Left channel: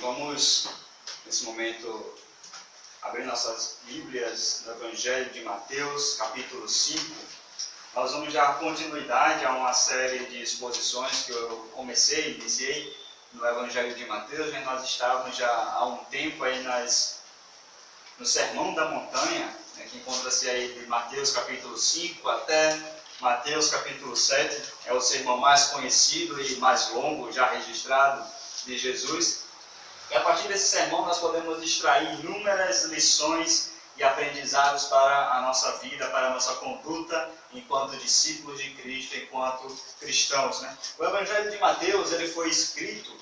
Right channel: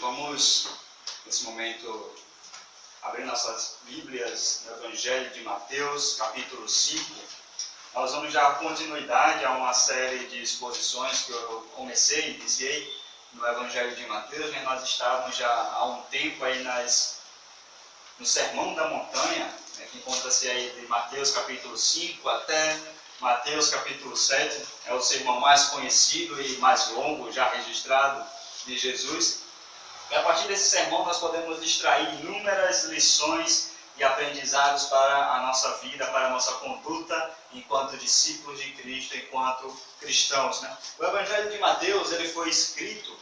Vamos, nesse momento, abrir nossas Bíblias no Evangelho de Mateus, capítulo 5. Nós vamos dar continuidade a uma série de exposições que eu iniciei no Evangelho de Mateus, mas nós estávamos já há um tempo aí no Sermão da Montanha, que encontra-se aí de Mateus capítulo 5 até Mateus capítulo 7, é o sermão mais conhecido e mais longo já registrado de Jesus. E a partir desse sermão nós podemos extrair inúmeras lições e aprendizados para a nossa vida, para a nossa conduta enquanto discípulos de Cristo, enquanto cristãos, né? O Evangelho de Mateus ele foi escrito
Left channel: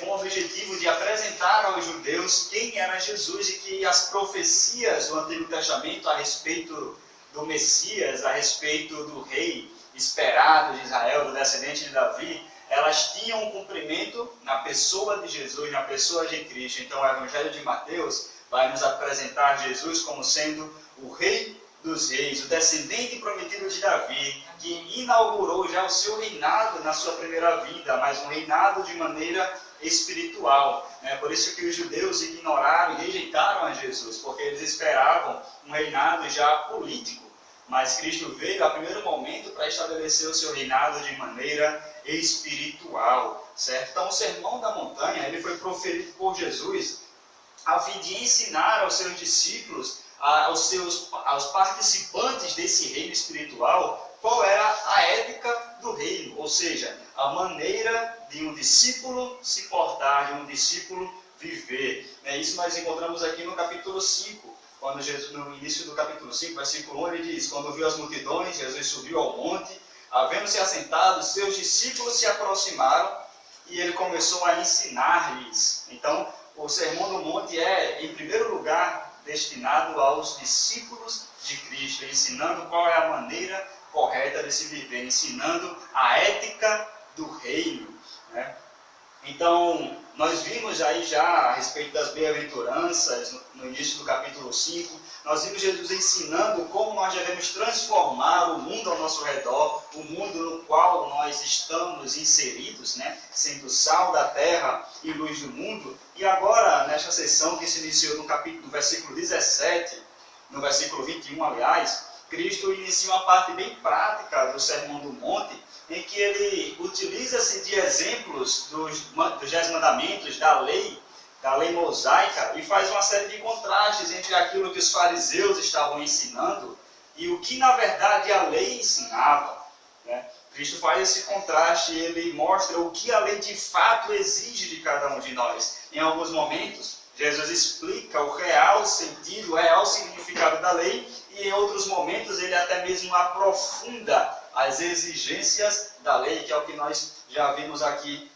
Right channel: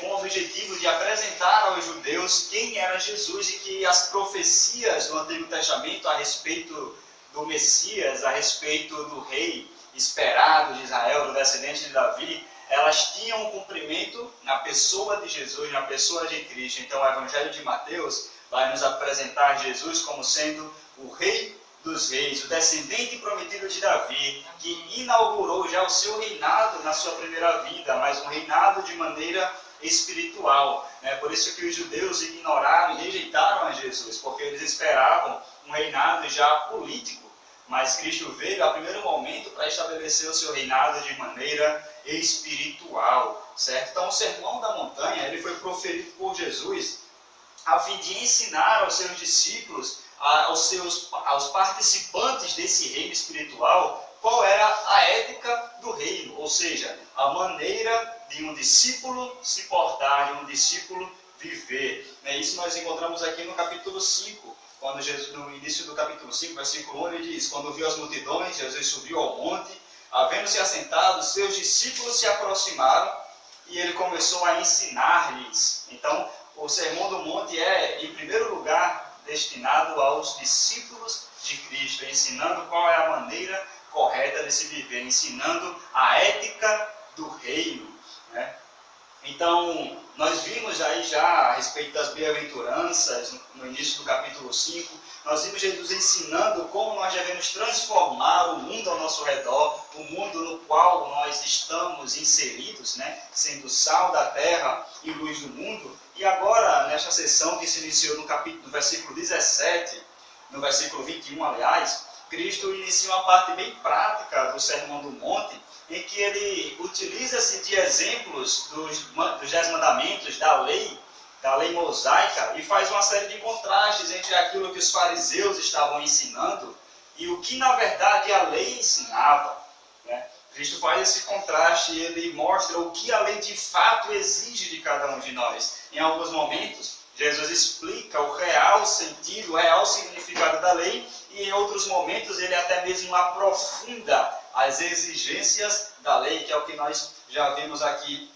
com o objetivo de apresentar aos judeus quem era Jesus e que as profecias do Antigo Testamento a respeito do Messias, a respeito do rei esperado de Israel, do descendente de Davi, elas tinham um cumprimento na pessoa de Jesus, na pessoa de Cristo. Então o Evangelho de Mateus vai nos apresentar Jesus como sendo o Rei dos Reis, o descendente prometido de Davi, que inaugurou já o seu reinado na sua primeira vida, mas um reinado de maneira espiritual. Por isso que os judeus ignoraram e rejeitaram a Jesus, porque eles esperavam um reinado já político. Mas Cristo veio a primeiro momento para estabelecer o seu reinado de maneira espiritual, certo? Então o Sermão da Montanha ele foi proferido por Jesus a fim de ensinar aos seus discípulos, aos participantes desse reino espiritual, qual era a ética do reino, ou seja, a maneira de um discípulo se portar, de um discípulo viver. Isso nós encontramos aqui no capítulo 5, quando Jesus, no início do capítulo 5, versículo 1, ele diz: quando viu as multidões, Jesus subiu ao monte, havendo-se assentado, seus discípulos se aproximaram e ele começou a ensinar-lhes. Então, o Sermão do Monte é, em primeiro lugar, destinado aos discípulos de Cristo, ensinando qual é a maneira correta de se viver, ensinando a ética do reino, né? Então, nós vimos aí já a respeito das bem-aventuranças, no início do capítulo 5, nós vimos Jesus ensinando como nós devemos transformar o mundo ao nosso redor, o mundo no qual nós estamos inseridos, né? Sendo sal da terra e luz do mundo. E agora, nesta sessão que se iniciou no versículo 17, no versículo 21, aliás, Cristo inicia uma parte bem prática do Sermão do Monte, em que ele utiliza-se de exemplos dos 10 mandamentos, da lei mosaica, e faz uma série de contrastes entre aquilo que os fariseus estavam ensinando e o que, na verdade, a lei ensinava, né? Cristo faz esse contraste e ele mostra o que a lei de fato exige de cada um de nós. Em alguns momentos, Jesus explica o real sentido, o real significado da lei, e em outros momentos ele até mesmo aprofunda as exigências da lei, que é o que nós já vimos aqui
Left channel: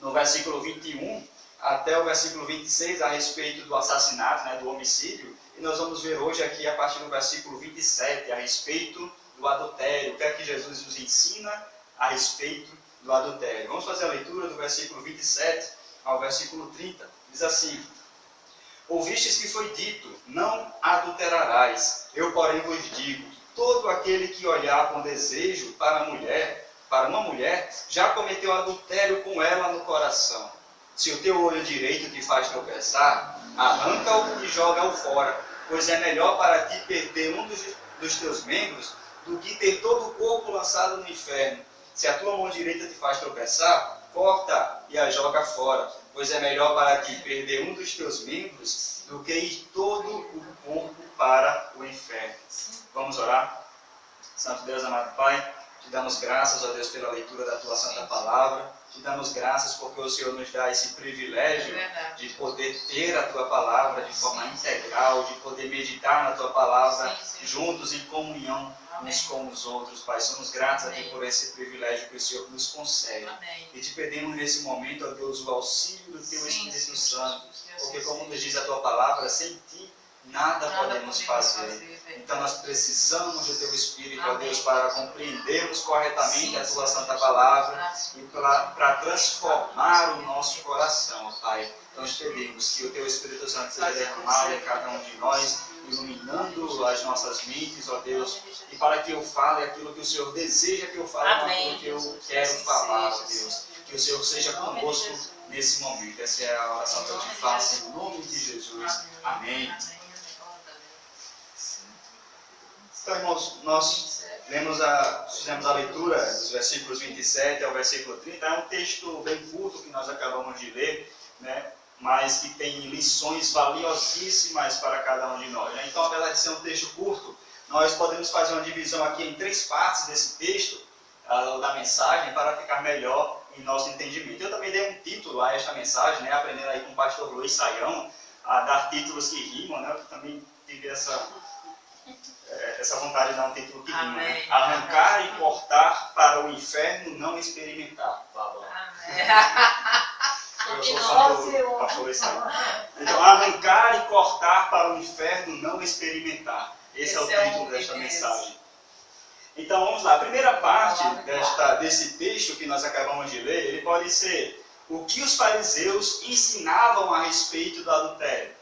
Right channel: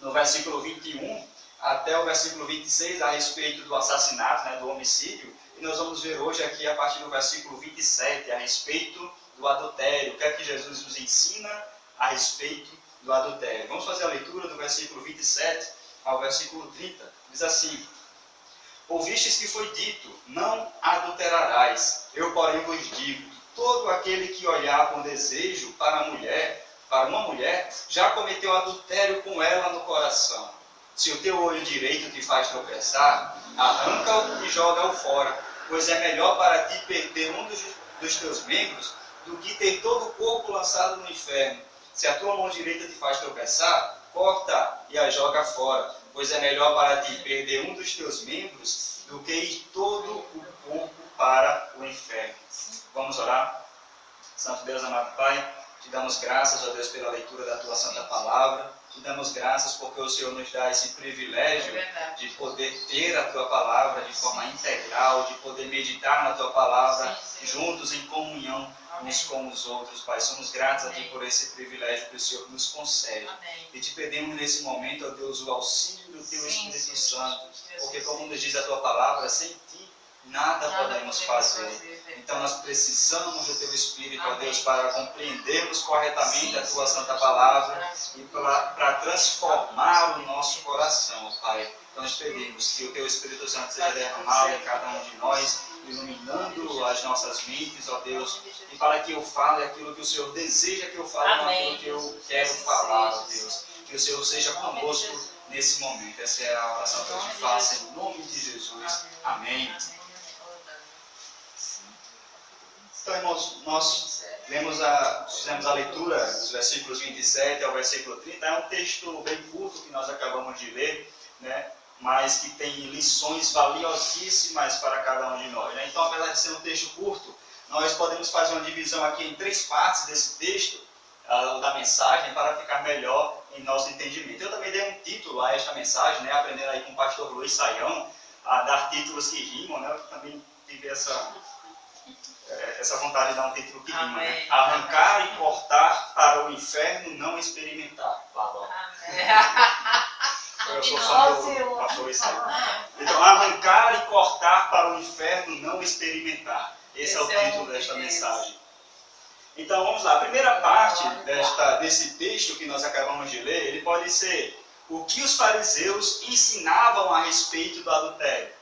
no versículo 21 até o versículo 26, a respeito do assassinato, né, do homicídio. E nós vamos ver hoje aqui, a partir do versículo 27, a respeito do adultério. O que é que Jesus nos ensina a respeito do adultério? Vamos fazer a leitura do versículo 27 ao versículo 30. Diz assim: ouvistes que foi dito, não adulterarás. Eu, porém, vos digo, todo aquele que olhar com desejo para uma mulher, já cometeu adultério com ela no coração. Se o teu olho direito te faz tropeçar, arranca-o e joga-o fora, pois é melhor para ti perder um dos teus membros do que ter todo o corpo lançado no inferno. Se a tua mão direita te faz tropeçar, corta e a joga fora, pois é melhor para ti perder um dos teus membros do que ir todo o corpo para o inferno. Vamos orar? Santo Deus, amado Pai, te damos graças, ó Deus, pela leitura da tua santa palavra. Te damos graças porque o Senhor nos dá esse privilégio de poder ter a tua palavra de forma integral, de poder meditar na tua palavra juntos em comunhão uns com os outros, Pai. Somos gratos a Ti por esse privilégio que o Senhor nos concede. E te pedimos nesse momento, ó Deus, o auxílio do Teu Espírito Santo, porque como nos diz a tua palavra, sem Ti nada podemos fazer. Então nós precisamos do Teu Espírito, ó Deus, para compreendermos corretamente a Tua Santa Palavra e para transformar o nosso coração, ó Pai. Então nós pedimos que o Teu Espírito Santo seja derramado em cada um de nós, iluminando as nossas mentes, ó Deus, e para que eu fale aquilo que o Senhor deseja que eu fale, não aquilo que eu quero falar, ó Deus. Que Que o Senhor seja conosco nesse momento. Essa é a oração que eu te faço em nome de Jesus. Amém. Então, irmãos, nós fizemos a leitura dos versículos 27 ao versículo 30. É um texto bem curto que nós acabamos de ler, né? Mas que tem lições valiosíssimas para cada um de nós, né? Então, apesar de ser um texto curto, nós podemos fazer uma divisão aqui em 3 partes desse texto, da mensagem, para ficar melhor em nosso entendimento. Eu também dei um título a esta mensagem, né? Aprendendo aí com o pastor Luiz Saião, a dar títulos que rimam, né? Eu também tive essa vontade de dar um título que rima, né? Arrancar e cortar para o inferno não experimentar. Blá, blá. Eu sou fã do pastor Luiz Saião. Então, arrancar e cortar para o inferno não experimentar. Esse é o título desta mensagem. Então, vamos lá. A primeira parte desse texto que nós acabamos de ler, ele pode ser o que os fariseus ensinavam a respeito do adultério.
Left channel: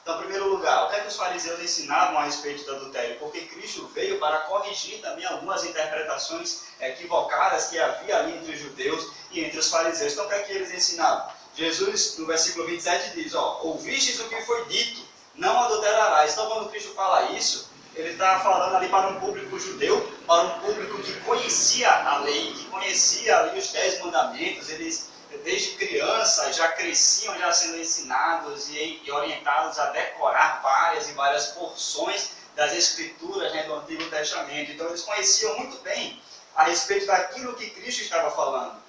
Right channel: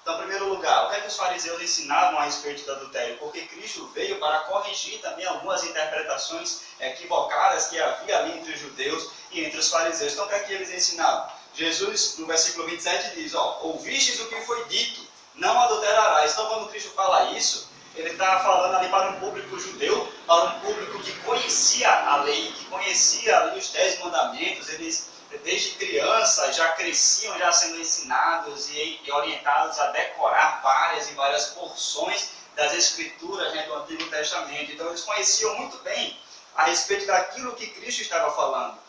Então, em primeiro lugar, o que é que os fariseus ensinavam a respeito do adultério? Porque Cristo veio para corrigir também algumas interpretações equivocadas que havia ali entre os judeus e entre os fariseus. Então, o que é que eles ensinavam? Jesus, no versículo 27, diz, ouvistes o que foi dito, não adulterarás. Então, quando Cristo fala isso, ele está falando ali para um público judeu, para um público que conhecia a lei, que conhecia ali os 10 mandamentos. Eles, desde criança, já cresciam já sendo ensinados e orientados a decorar várias e várias porções das Escrituras, né, do Antigo Testamento. Então, eles conheciam muito bem a respeito daquilo que Cristo estava falando.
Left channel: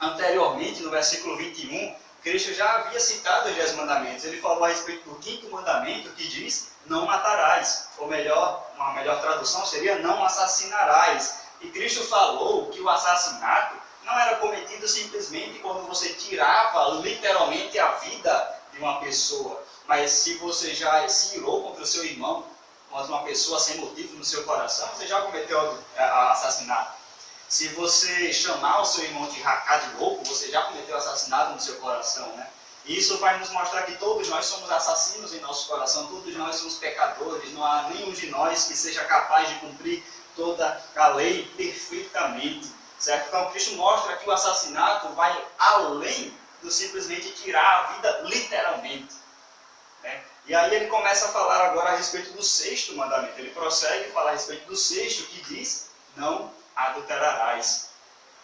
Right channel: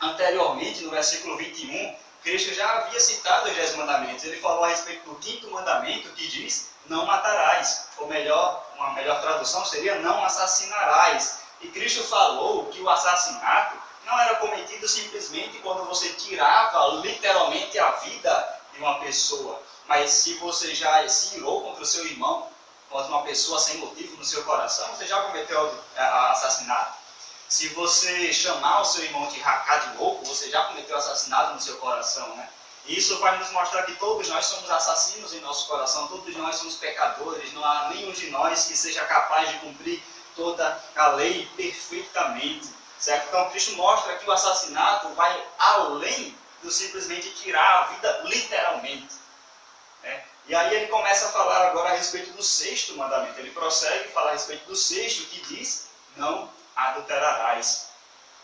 Anteriormente, no versículo 21, Cristo já havia citado os 10 mandamentos. Ele falou a respeito do 5º mandamento, que diz, não matarás. Ou melhor, uma melhor tradução seria, não assassinarás. E Cristo falou que o assassinato não era cometido simplesmente quando você tirava literalmente a vida de uma pessoa. Mas se você já se irou contra o seu irmão, contra uma pessoa sem motivo no seu coração, você já cometeu assassinato. Se você chamar o seu irmão de racá de louco, você já cometeu assassinato no seu coração, né? E isso vai nos mostrar que todos nós somos assassinos em nosso coração, todos nós somos pecadores, não há nenhum de nós que seja capaz de cumprir toda a lei perfeitamente, certo? Então Cristo mostra que o assassinato vai além do simplesmente tirar a vida literalmente, né? E aí ele começa a falar agora a respeito do 6º mandamento. Ele prossegue a falar a respeito do 6º, que diz, não adulterarás.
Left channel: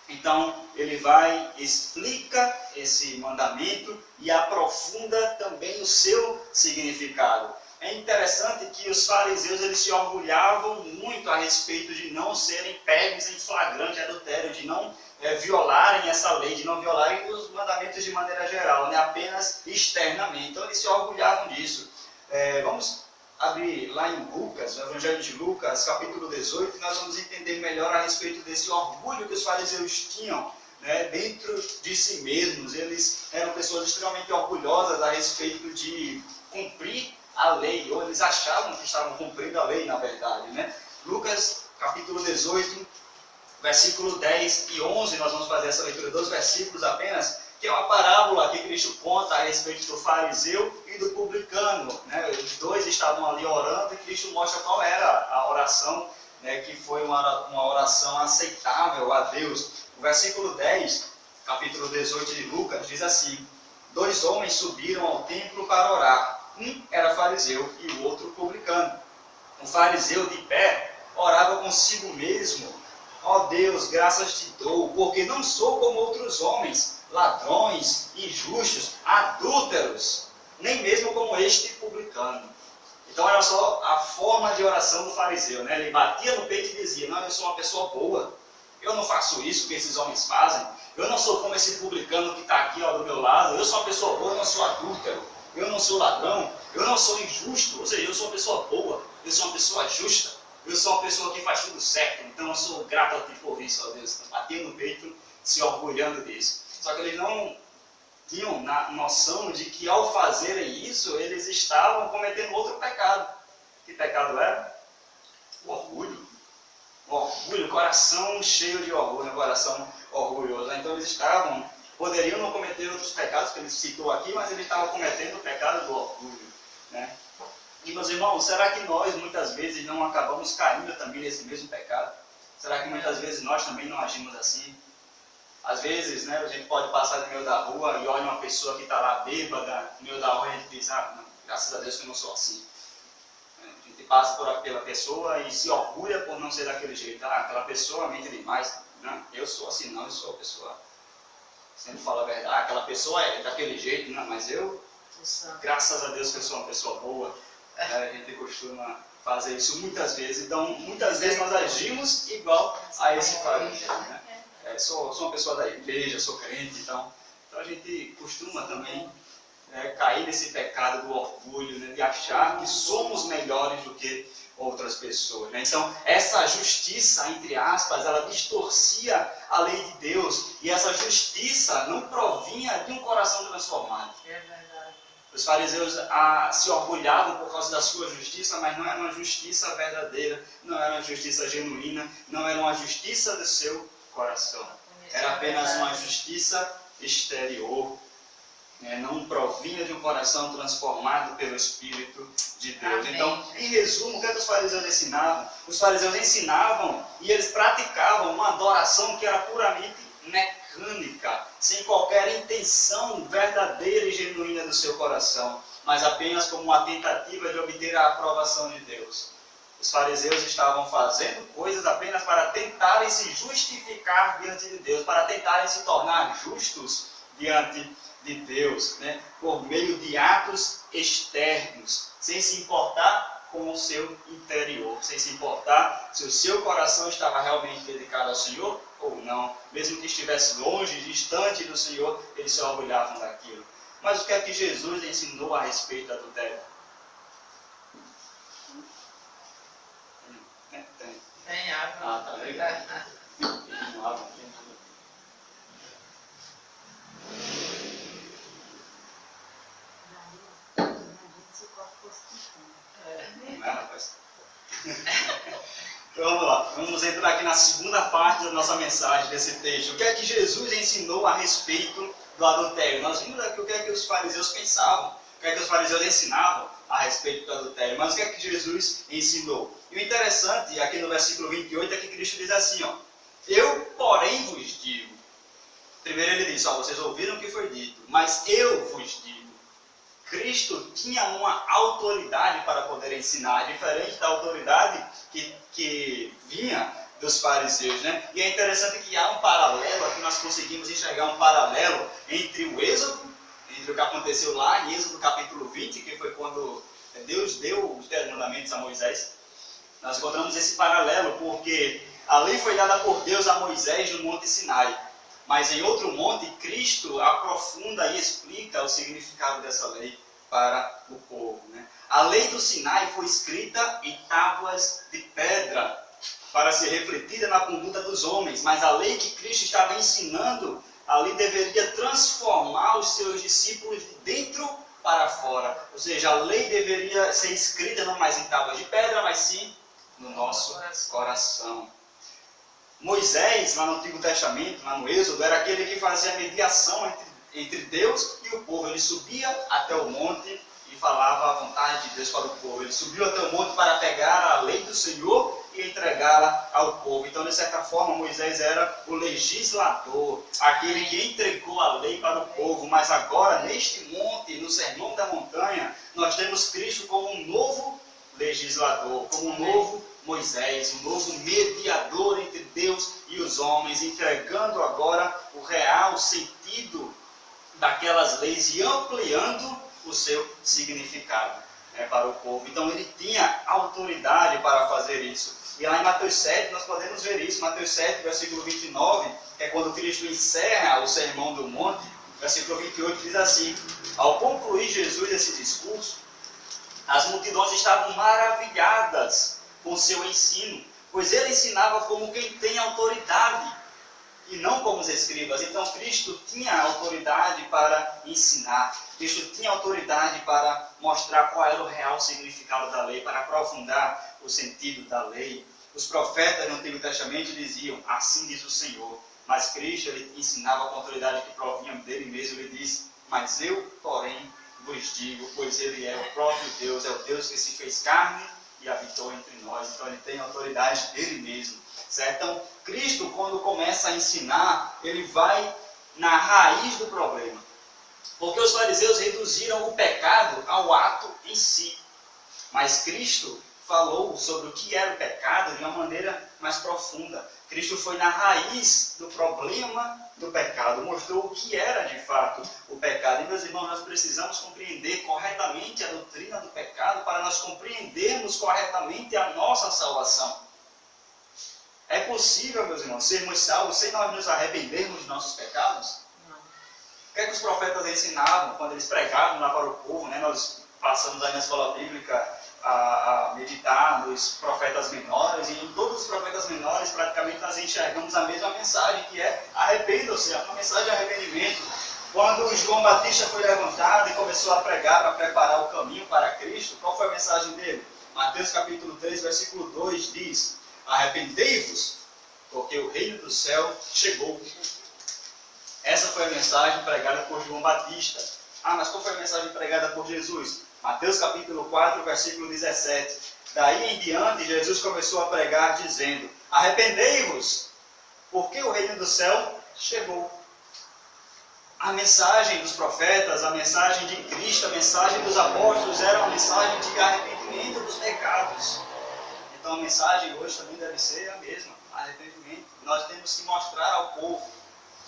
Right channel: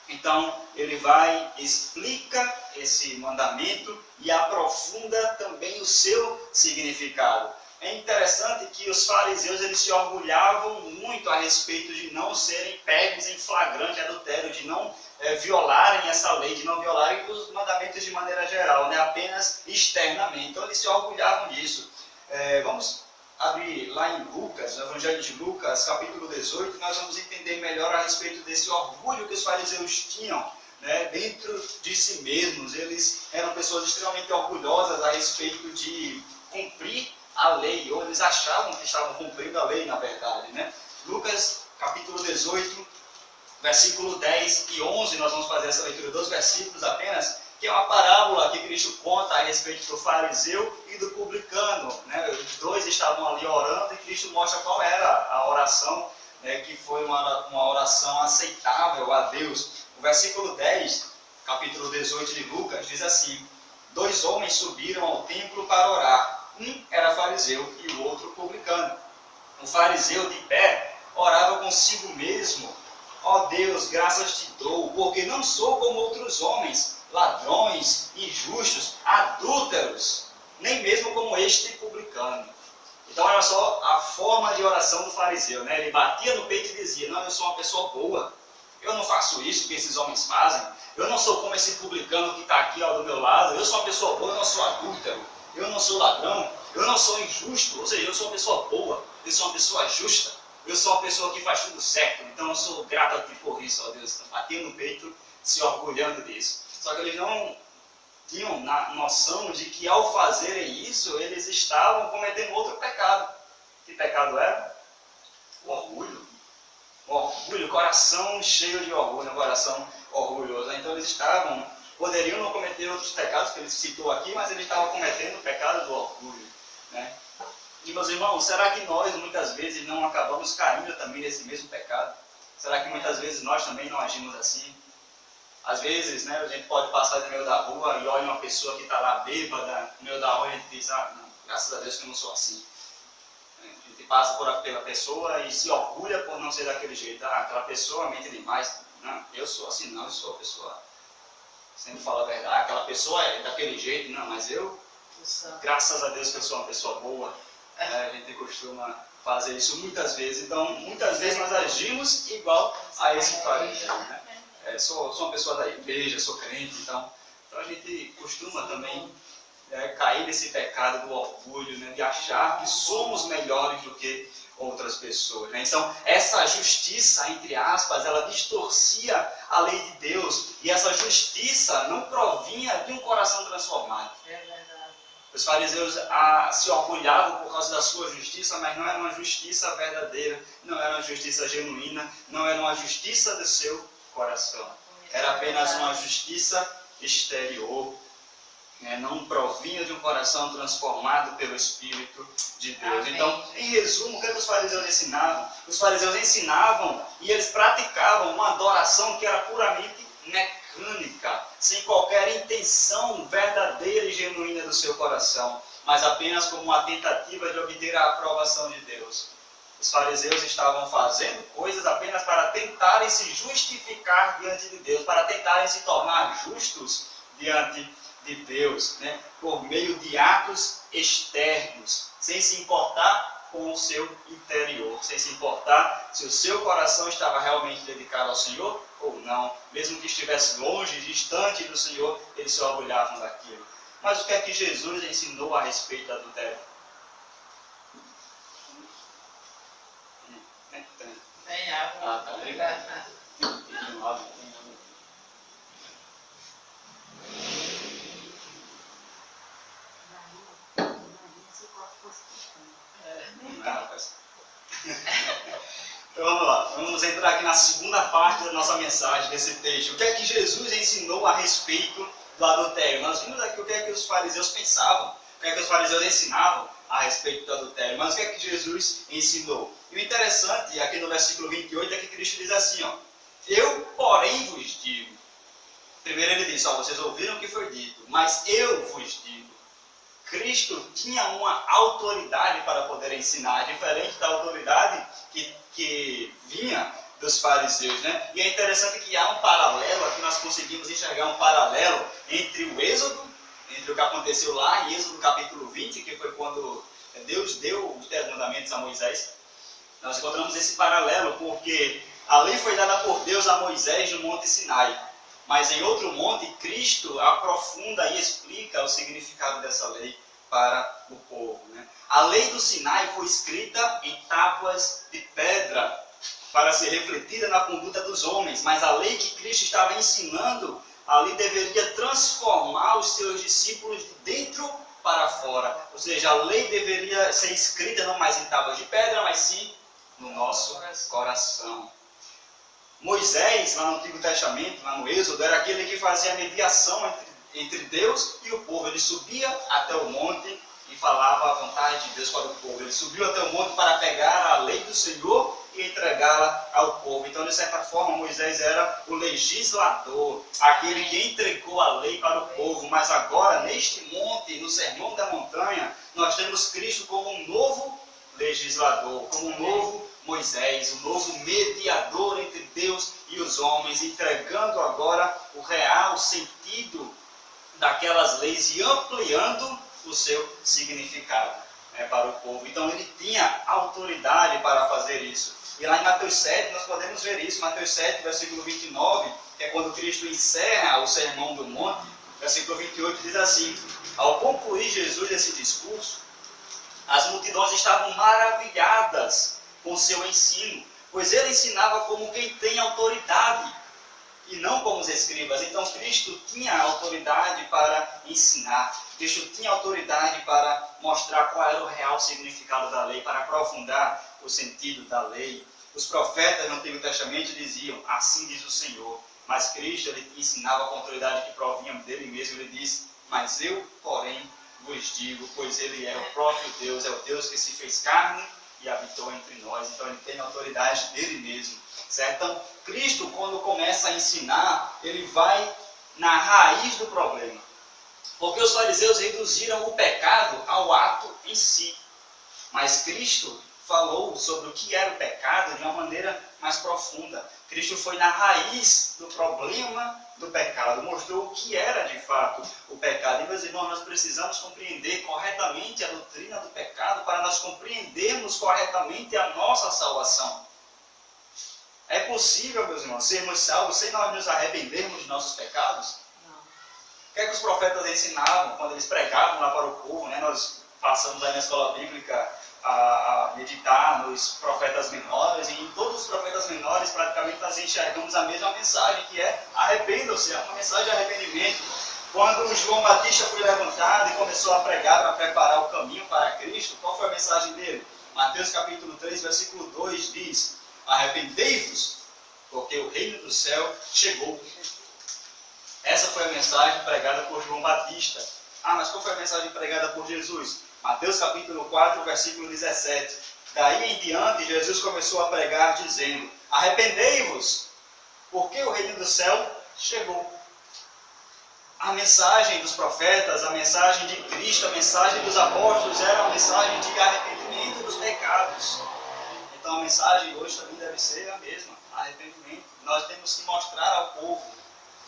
Então, ele vai, explica esse mandamento e aprofunda também o seu significado. É interessante que os fariseus eles se orgulhavam muito a respeito de não serem pegos em flagrante adultério, de não violarem essa lei, de não violarem os mandamentos de maneira geral, né? Apenas externamente. Então, eles se orgulhavam disso. Vamos abrir lá em Lucas, no Evangelho de Lucas, capítulo 18, e nós vamos entender melhor a respeito desse orgulho que os fariseus tinham, né, dentro de si mesmos. Eles eram pessoas extremamente orgulhosas a respeito de cumprir a lei, ou eles achavam que estavam cumprindo a lei, na verdade, né? Lucas, capítulo 18, versículo 10 e 11, nós vamos fazer essa leitura dos versículos apenas, que é uma parábola que Cristo conta a respeito do fariseu e do publicano, né? Os dois estavam ali orando e Cristo mostra qual era a oração, né, que foi uma oração aceitável a Deus. O versículo 10, capítulo 18 de Lucas, diz assim, 2 homens subiram ao templo para orar. Um era fariseu e o outro publicano. O fariseu de pé orava consigo mesmo, ó Deus, graças te dou, porque não sou como outros homens, ladrões, injustos, adúlteros, nem mesmo como este publicano. Então, olha só a forma de oração do fariseu, né? Ele batia no peito e dizia, não, eu sou uma pessoa boa, eu não faço isso que esses homens fazem, eu não sou como esse publicano que está aqui do meu lado, eu sou uma pessoa boa, eu não sou adúltero, eu não sou ladrão, eu não sou injusto, ou seja, eu sou uma pessoa boa, eu sou uma pessoa justa, eu sou uma pessoa que faz tudo certo, então eu sou grato a ti por isso, ó Deus. Então, batia no peito, se orgulhando disso. Só que eles não tinham noção de que ao fazerem isso, eles estavam cometendo outro pecado. Que pecado era? O orgulho. O orgulho, coração cheio de orgulho, coração orgulhoso. Então eles poderiam não cometer outros pecados que ele citou aqui, mas eles estavam cometendo o pecado do orgulho, né? E meus irmãos, será que nós muitas vezes não acabamos caindo também nesse mesmo pecado? Será que muitas vezes nós também não agimos assim? Às vezes, né, a gente pode passar no meio da rua e olha uma pessoa que está lá bêbada no meio da rua e a gente diz, não, graças a Deus que eu não sou assim. A gente passa pela pessoa e se orgulha por não ser daquele jeito. Aquela pessoa mente demais. Não, eu sou assim, não, eu sou a pessoa. Sempre fala a verdade. Aquela pessoa é daquele jeito, não, mas eu, graças a Deus que eu sou uma pessoa boa. A gente costuma fazer isso muitas vezes. Então, muitas vezes nós agimos igual a esse fariseu, né? Sou uma pessoa da igreja, sou crente, então a gente costuma também cair nesse pecado do orgulho, né, de achar que somos melhores do que outras pessoas. Né? Então, essa justiça, entre aspas, ela distorcia a lei de Deus, e essa justiça não provinha de um coração transformado. É verdade. Os fariseus se orgulhavam por causa da sua justiça, mas não era uma justiça verdadeira, não era uma justiça genuína, não era uma justiça do seu coração. Era apenas uma justiça exterior. Não provinha de um coração transformado pelo Espírito de Deus. Amém. Então, em resumo, o que os fariseus ensinavam? Os fariseus ensinavam e eles praticavam uma adoração que era puramente mecânica, sem qualquer intenção verdadeira e genuína do seu coração, mas apenas como uma tentativa de obter a aprovação de Deus. Os fariseus estavam fazendo coisas apenas para tentarem se justificar diante de Deus, para tentarem se tornar justos diante de Deus, né? Por meio de atos externos, sem se importar com o seu interior, sem se importar se o seu coração estava realmente dedicado ao Senhor ou não. Mesmo que estivesse longe, distante do Senhor, eles se orgulhavam daquilo. Mas o que é que Jesus ensinou a respeito do adultério? Tem água. Tá legal. Tem água. Então vamos lá, vamos entrar aqui na segunda parte da nossa mensagem, desse texto. O que é que Jesus ensinou a respeito do adultério? Nós vimos aqui o que é que os fariseus pensavam, o que é que os fariseus ensinavam a respeito do adultério, mas o que é que Jesus ensinou? E o interessante, aqui no versículo 28, é que Cristo diz assim, eu, porém, vos digo. Primeiro ele diz, vocês ouviram o que foi dito, mas eu vos digo. Cristo tinha uma autoridade para poder ensinar, diferente da autoridade que vinha dos fariseus, né? E é interessante que há um paralelo, aqui nós conseguimos enxergar um paralelo entre o Êxodo, entre o que aconteceu lá em Êxodo capítulo 20, que foi quando Deus deu os 10 mandamentos a Moisés. Nós encontramos esse paralelo porque a lei foi dada por Deus a Moisés no Monte Sinai. Mas em outro monte, Cristo aprofunda e explica o significado dessa lei para o povo. Né? A lei do Sinai foi escrita em tábuas de pedra para ser refletida na conduta dos homens. Mas a lei que Cristo estava ensinando ali deveria transformar os seus discípulos de dentro para fora. Ou seja, a lei deveria ser escrita não mais em tábuas de pedra, mas sim no nosso coração. Moisés, lá no Antigo Testamento, lá no Êxodo, era aquele que fazia a mediação entre Deus e o povo. Ele subia até o monte e falava a vontade de Deus para o povo. Ele subiu até o monte para pegar a lei do Senhor e entregá-la ao povo. Então, de certa forma, Moisés era o legislador, aquele que entregou a lei para o povo. Mas agora, neste monte, no Sermão da Montanha, nós temos Cristo como um novo legislador, como um novo Moisés, um novo mediador entre Deus e os homens, entregando agora o real sentido daquelas leis e ampliando o seu significado para o povo. Então ele tinha autoridade para fazer isso. E lá em Mateus 7 nós podemos ver isso. Mateus 7, versículo 29, que é quando Cristo encerra o Sermão do Monte. Versículo 28 diz assim: ao concluir Jesus esse discurso, as multidões estavam maravilhadas com seu ensino, pois ele ensinava como quem tem autoridade e não como os escribas. Então Cristo tinha autoridade para ensinar, Cristo tinha autoridade para mostrar qual era o real significado da lei, para aprofundar o sentido da lei. Os profetas no Antigo Testamento diziam, assim diz o Senhor, mas Cristo ele ensinava com autoridade que provinha dele mesmo. Ele diz, mas eu, porém, vos digo, pois ele é o próprio Deus, é o Deus que se fez carne e habitou entre nós. Então ele tem autoridade dele mesmo. Certo? Então Cristo, quando começa a ensinar, ele vai na raiz do problema. Porque os fariseus reduziram o pecado ao ato em si. Mas Cristo falou sobre o que era o pecado de uma maneira mais profunda. Cristo foi na raiz do problema do pecado, mostrou o que era de fato o pecado. E, meus irmãos, nós precisamos compreender corretamente a doutrina do pecado para nós compreendermos corretamente a nossa salvação. É possível, meus irmãos, sermos salvos sem nós nos arrependermos de nossos pecados? Não. O que é que os profetas ensinavam quando eles pregavam lá para o povo, né? Nós passamos aí na escola bíblica a meditar nos profetas menores, e em todos os profetas menores praticamente nós enxergamos a mesma mensagem, que é arrependam-se, é uma mensagem de arrependimento. Quando João Batista foi levantado e começou a pregar para preparar o caminho para Cristo, qual foi a mensagem dele? Mateus capítulo 3, versículo 2 diz: arrependei-vos, porque o reino do céu chegou. Essa foi a mensagem pregada por João Batista. Ah, mas qual foi a mensagem pregada por Jesus? Mateus capítulo 4, versículo 17. Daí em diante, Jesus começou a pregar dizendo: arrependei-vos, porque o reino do céu chegou. A mensagem dos profetas, a mensagem de Cristo, a mensagem dos apóstolos era uma mensagem de arrependimento dos pecados. Então a mensagem hoje também deve ser a mesma, arrependimento. Nós temos que mostrar ao povo,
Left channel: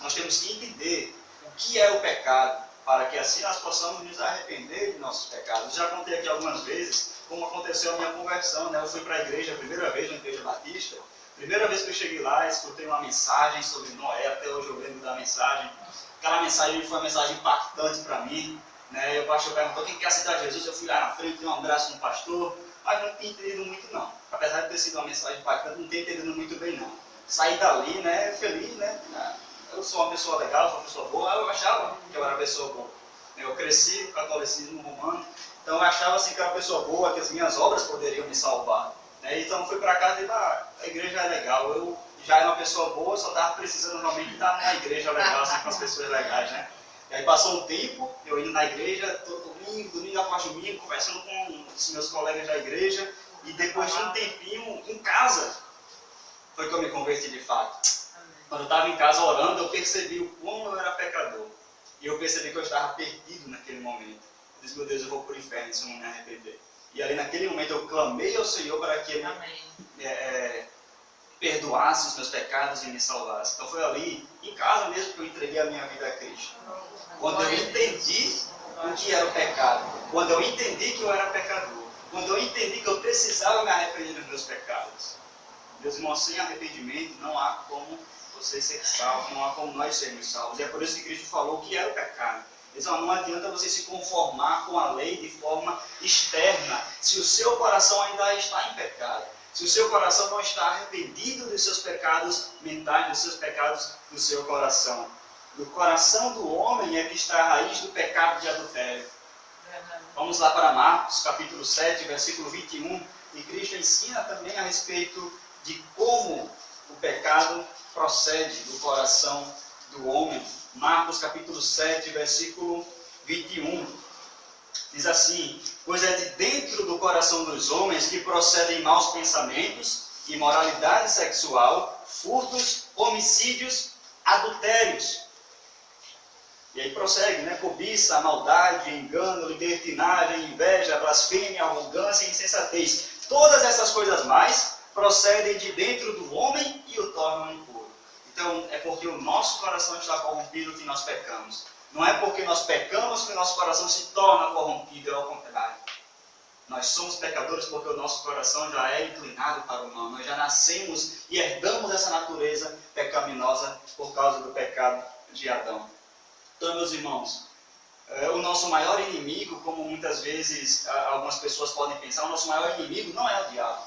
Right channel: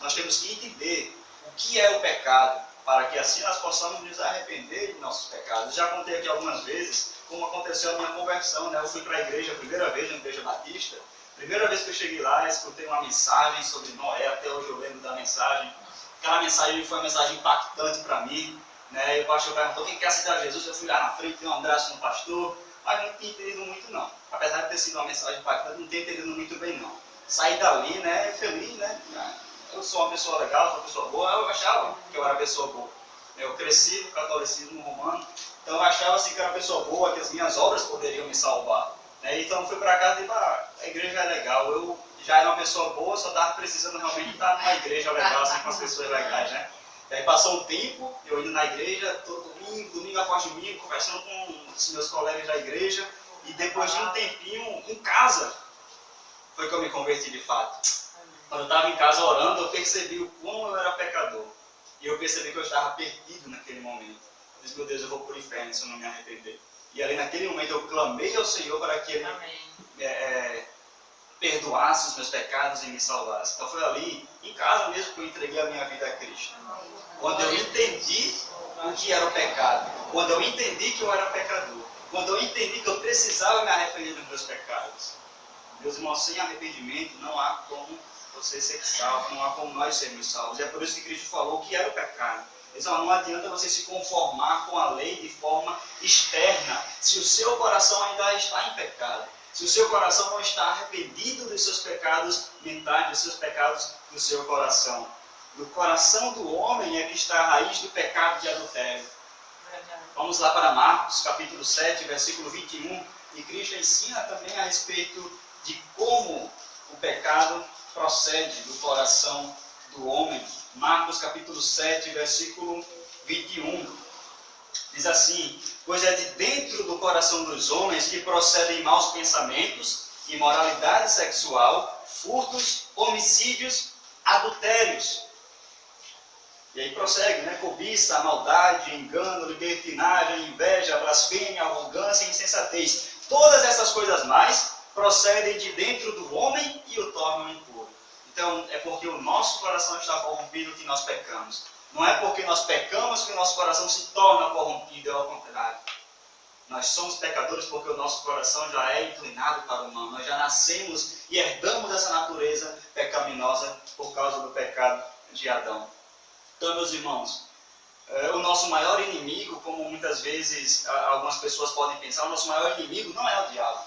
nós temos que entender o que é o pecado, para que assim nós possamos nos arrepender de nossos pecados. Já contei aqui algumas vezes como aconteceu a minha conversão, né? Eu fui para a igreja a primeira vez, na igreja batista. Primeira vez que eu cheguei lá, escutei uma mensagem sobre Noé, até hoje eu lembro da mensagem. Aquela mensagem foi uma mensagem impactante para mim, né? E o pastor perguntou: quem quer aceitar Jesus? Eu fui lá na frente, dei um abraço no pastor, mas não tinha entendido muito não. Apesar de ter sido uma mensagem impactante, não tinha entendido muito bem não. Saí dali, né, feliz, né? Eu sou uma pessoa legal, sou uma pessoa boa. Eu achava que eu era uma pessoa boa. Eu cresci no catolicismo romano, então eu achava assim que eu era uma pessoa boa, que as minhas obras poderiam me salvar. Então fui para casa e disse: a igreja é legal. Eu já era uma pessoa boa, só estava precisando realmente estar numa igreja legal, assim, com as pessoas legais, né? E aí passou um tempo, eu indo na igreja, todo domingo após domingo, conversando com os meus colegas da igreja, e depois de um tempinho em casa, foi que eu me converti de fato. Quando eu estava em casa orando, eu percebi o quão eu era pecador. E eu percebi que eu estava perdido naquele momento. Eu disse: meu Deus, eu vou para o inferno se eu não me arrepender. E ali naquele momento eu clamei ao Senhor para que Ele perdoasse os meus pecados e me salvasse. Então foi ali, em casa mesmo, que eu entreguei a minha vida a Cristo. Quando eu entendi o que era o pecado. Quando eu entendi que eu era pecador. Quando eu entendi que eu precisava me arrepender dos meus pecados. Meus irmãos, sem arrependimento não há como você ser salvo, não há como nós sermos salvos. E é por isso que Cristo falou o que era o pecado. Então, não adianta você se conformar com a lei de forma externa, se o seu coração ainda está em pecado. Se o seu coração não está arrependido dos seus pecados mentais, dos seus pecados do seu coração. Do coração do homem é que está a raiz do pecado de adultério. Vamos lá para Marcos, capítulo 7, versículo 21. E Cristo ensina também a respeito de como o pecado procede do coração do homem. Marcos capítulo 7, versículo 21. Diz assim: pois é de dentro do coração dos homens que procedem maus pensamentos, imoralidade sexual, furtos, homicídios, adultérios. E aí prossegue, né? Cobiça, maldade, engano, libertinagem, inveja, blasfêmia, arrogância e insensatez. Todas essas coisas mais procedem de dentro do homem e o tornam impuro. Então, é porque o nosso coração está corrompido que nós pecamos. Não é porque nós pecamos que o nosso coração se torna corrompido, é ao contrário. Nós somos pecadores porque o nosso coração já é inclinado para o mal. Nós já nascemos e herdamos essa natureza pecaminosa por causa do pecado de Adão. Então, meus irmãos, o nosso maior inimigo, como muitas vezes algumas pessoas podem pensar, o nosso maior inimigo não é o diabo.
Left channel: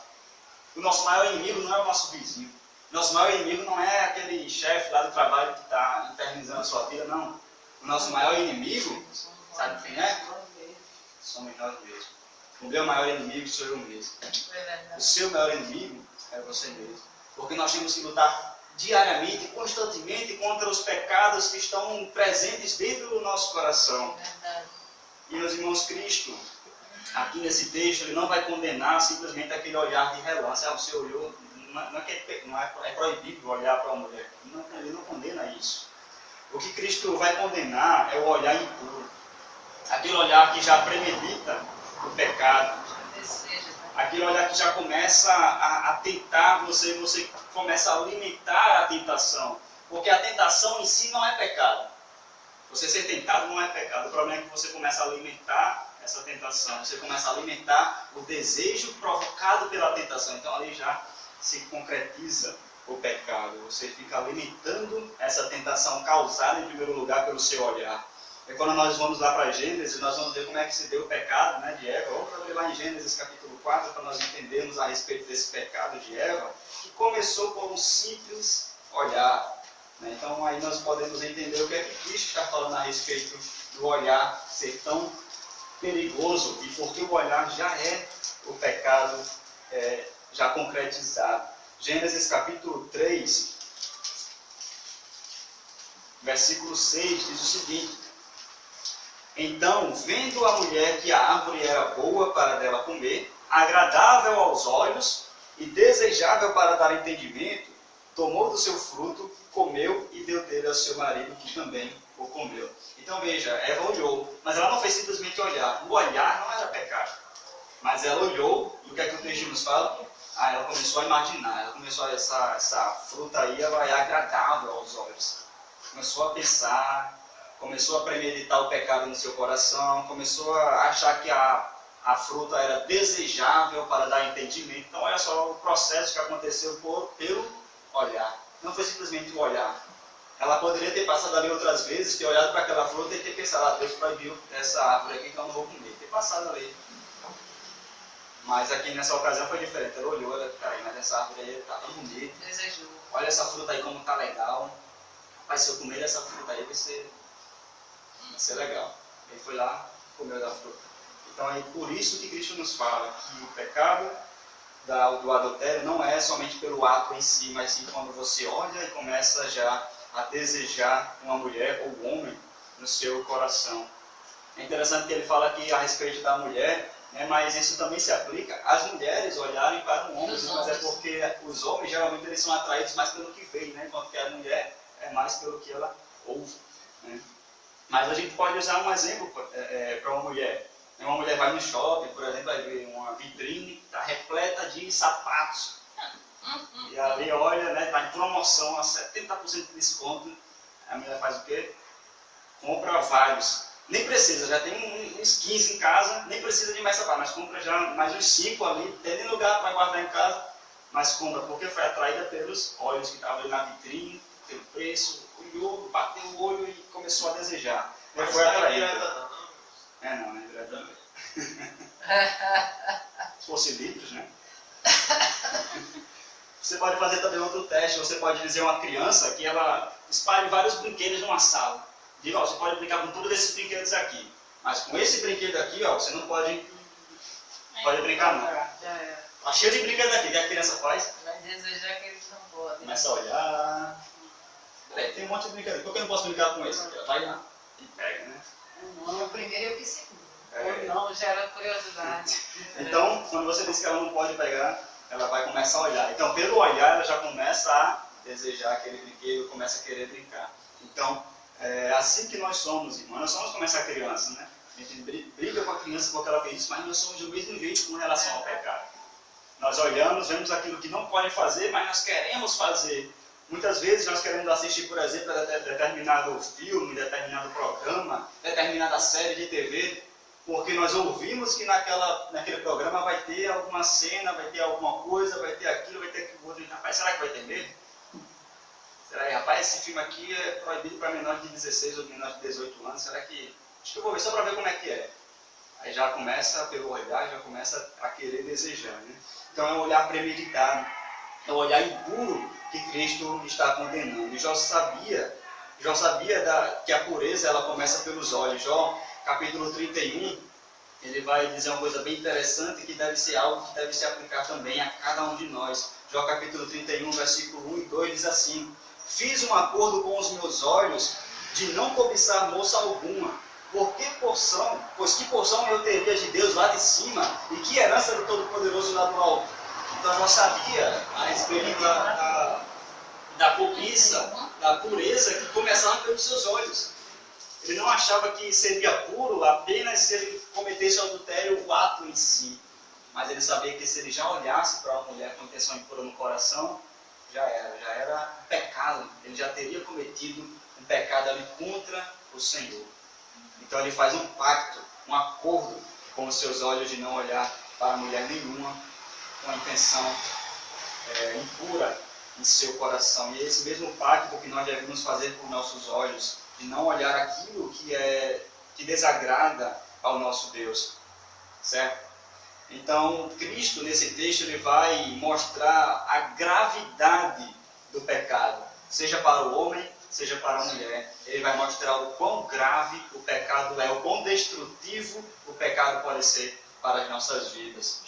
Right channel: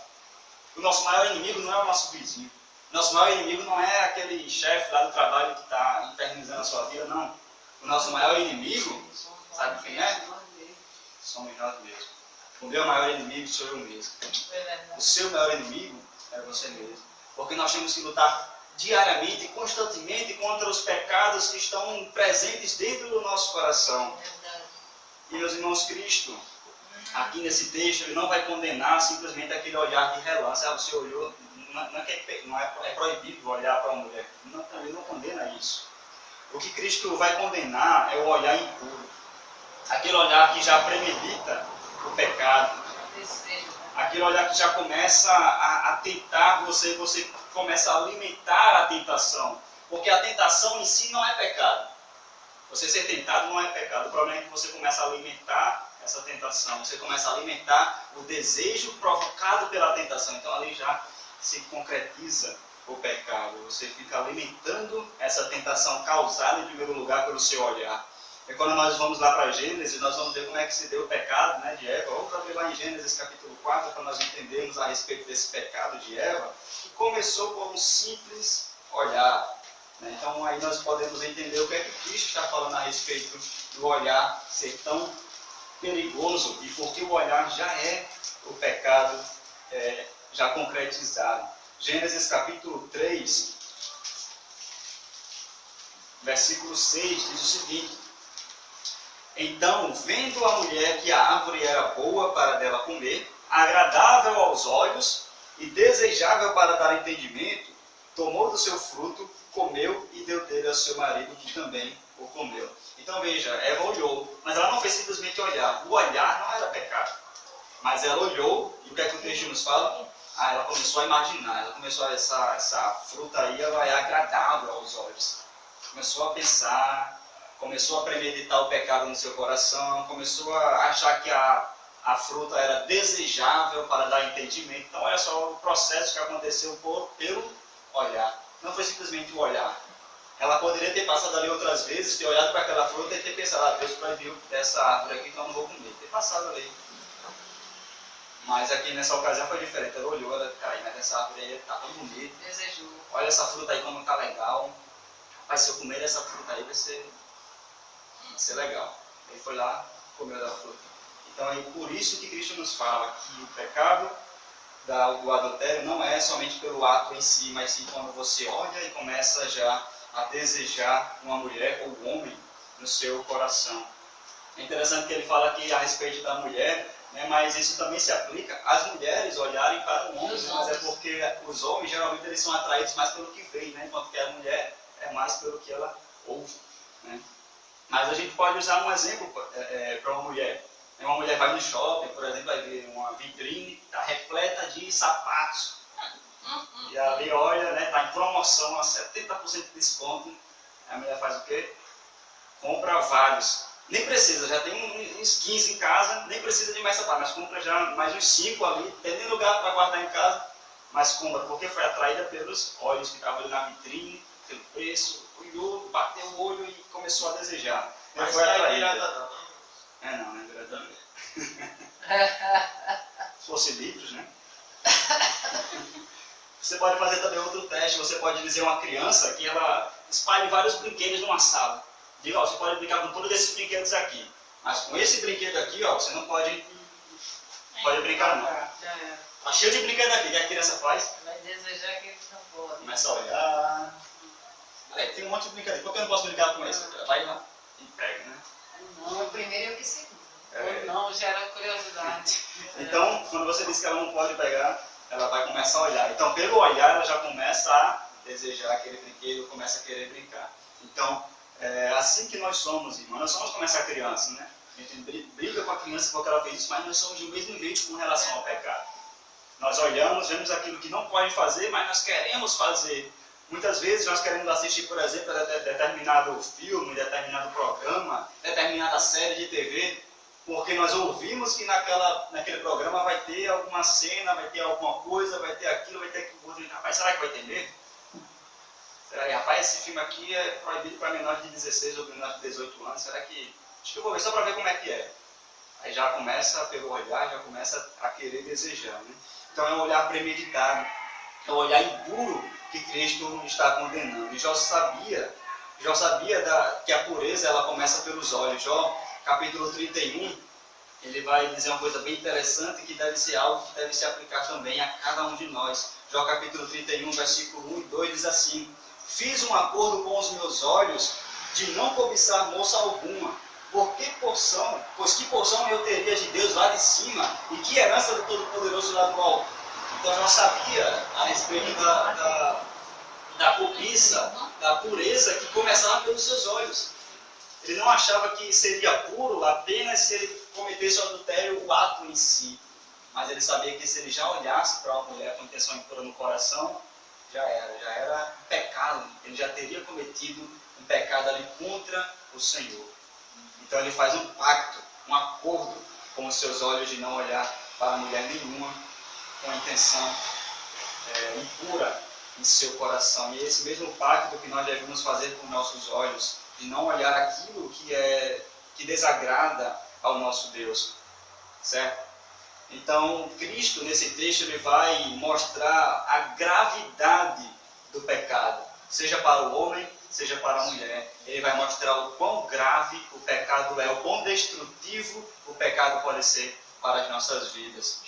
O nosso maior inimigo não é o nosso vizinho. O nosso maior inimigo não é aquele chefe lá do trabalho que está infernizando a sua vida, não. O nosso maior inimigo, sabe quem é? Somos nós mesmos. O meu maior inimigo sou eu mesmo. O seu maior inimigo é você mesmo. Porque nós temos que lutar diariamente, constantemente, contra os pecados que estão presentes dentro do nosso coração. E, meus irmãos, Cristo, aqui nesse texto, ele não vai condenar simplesmente aquele olhar de relance. Você olhou, é proibido olhar para uma mulher. Ele não condena isso. O que Cristo vai condenar é o olhar impuro. Aquele olhar que já premedita o pecado. Aquele olhar que já começa a tentar você começa a alimentar a tentação. Porque a tentação em si não é pecado. Você ser tentado não é pecado. O problema é que você começa a alimentar essa tentação. Você começa a alimentar o desejo provocado pela tentação. Então ali já se concretiza o pecado. Você fica alimentando essa tentação causada em primeiro lugar pelo seu olhar. E quando nós vamos lá para Gênesis, nós vamos ver como é que se deu o pecado, né, de Eva. Vamos abrir lá em Gênesis capítulo 4 para nós entendermos a respeito desse pecado de Eva, que começou por um simples olhar. Então aí nós podemos entender o que é que Cristo está falando a respeito do olhar ser tão perigoso e porque o olhar já é o pecado já concretizado. Gênesis capítulo 3, versículo 6 diz o seguinte: Então, vendo a mulher que a árvore era boa para dela comer, agradável aos olhos e desejável para dar entendimento, tomou do seu fruto, comeu e deu dele ao seu marido, que também o comeu. Então veja, Eva olhou, mas ela não fez simplesmente olhar. O olhar não era pecado. Mas ela olhou, e o que é que o texto nos fala? Ela começou a imaginar, ela começou essa fruta aí, ela é agradável aos olhos. Começou a pensar, começou a premeditar o pecado no seu coração, começou a achar que a fruta era desejável para dar entendimento. Então olha só o processo que aconteceu pelo olhar. Não foi simplesmente o olhar. Ela poderia ter passado ali outras vezes, ter olhado para aquela fruta e ter pensado, Deus proibiu essa árvore aqui, então eu não vou comer. Ter passado ali. Mas aqui nessa ocasião foi diferente. Ela olhou, mas essa árvore aí está tão bonita. Desejou. Olha essa fruta aí como está legal. Rapaz, se eu comer essa fruta aí vai ser legal. Ele foi lá, comeu da fruta. Então é por isso que Cristo nos fala que o pecado do adultério não é somente pelo ato em si, mas sim quando você olha e começa já a desejar uma mulher ou um homem no seu coração. É interessante que ele fala aqui a respeito da mulher, né, mas isso também se aplica às mulheres olharem para um homem, mas é porque os homens geralmente eles são atraídos mais pelo que veem, né, enquanto que a mulher é mais pelo que ela ouve. Né. Mas a gente pode usar um exemplo para uma mulher. Uma mulher vai no shopping, por exemplo, vai ver uma vitrine, está repleta de sapatos. E ali olha, né, está em promoção a 70% de desconto. A mulher faz o quê? Compra vários. Nem precisa, já tem uns 15 em casa, nem precisa de mais sapato, mas compra já mais uns 5 ali, tem nem lugar para guardar em casa, mas compra, porque foi atraída pelos olhos que estavam ali na vitrine, pelo preço, olhou, bateu o olho e começou a desejar. Mas foi atraída. Não é direta não. Não é direta não. Se fosse livros, né? Você pode fazer também outro teste, você pode dizer a uma criança que ela espalhe vários brinquedos numa sala. Diga, você pode brincar com todos esses brinquedos aqui, mas com esse brinquedo aqui, você não pode brincar não. Tá cheio de brinquedo aqui, o que a criança faz? Vai desejar que eles não podem. Começa a olhar. Tem um monte de brinquedo, por que eu não posso brincar com esse? Vai lá e pega, né? O primeiro e o que segundo. Ou não, gera curiosidade. Então, quando você diz que ela não pode pegar, ela vai começar a olhar. Então, pelo olhar, ela já começa a desejar aquele brinquedo, começa a querer brincar. Então, é assim que nós somos, irmãos. Nós somos como essa criança, né? A gente briga com a criança porque ela fez isso, mas nós somos do mesmo jeito com relação ao pecado. Nós olhamos, vemos aquilo que não pode fazer, mas nós queremos fazer. Muitas vezes nós queremos assistir, por exemplo, a determinado filme, determinado programa, determinada série de TV, porque nós ouvimos que naquele programa vai ter alguma cena, vai ter alguma coisa, vai ter aquilo, vai ter aquilo outro. Rapaz, será que vai ter mesmo? Será que, rapaz, esse filme aqui é proibido para menores de 16 ou menores de 18 anos? Será que... Acho que eu vou ver só para ver como é que é. Aí já começa, pelo olhar, já começa a querer desejar. Né? Então é um olhar premeditado, é um olhar impuro que Cristo está condenando. E Jó sabia que a pureza ela começa pelos olhos. Jó, capítulo 31, ele vai dizer uma coisa bem interessante que deve ser algo que deve se aplicar também a cada um de nós. Jó, capítulo 31, versículo 1 e 2 diz assim: Fiz um acordo com os meus olhos de não cobiçar moça alguma, Pois que porção eu teria de Deus lá de cima e que herança do Todo-Poderoso lá do alto? Então ela sabia a respeito da cobiça, da pureza que começava pelos seus olhos. Ele não achava que seria puro apenas se ele cometesse o adultério, o ato em si. Mas ele sabia que se ele já olhasse para uma mulher com intenção impura no coração, já era um pecado. Ele já teria cometido um pecado ali contra o Senhor. Então ele faz um pacto, um acordo com os seus olhos de não olhar para mulher nenhuma com a intenção impura em seu coração. E é esse mesmo pacto que nós devemos fazer com nossos olhos, de não olhar aquilo que desagrada ao nosso Deus, certo? Então, Cristo, nesse texto, ele vai mostrar a gravidade do pecado, seja para o homem, seja para a mulher. Ele vai mostrar o quão grave o pecado é, o quão destrutivo o pecado pode ser para as nossas vidas.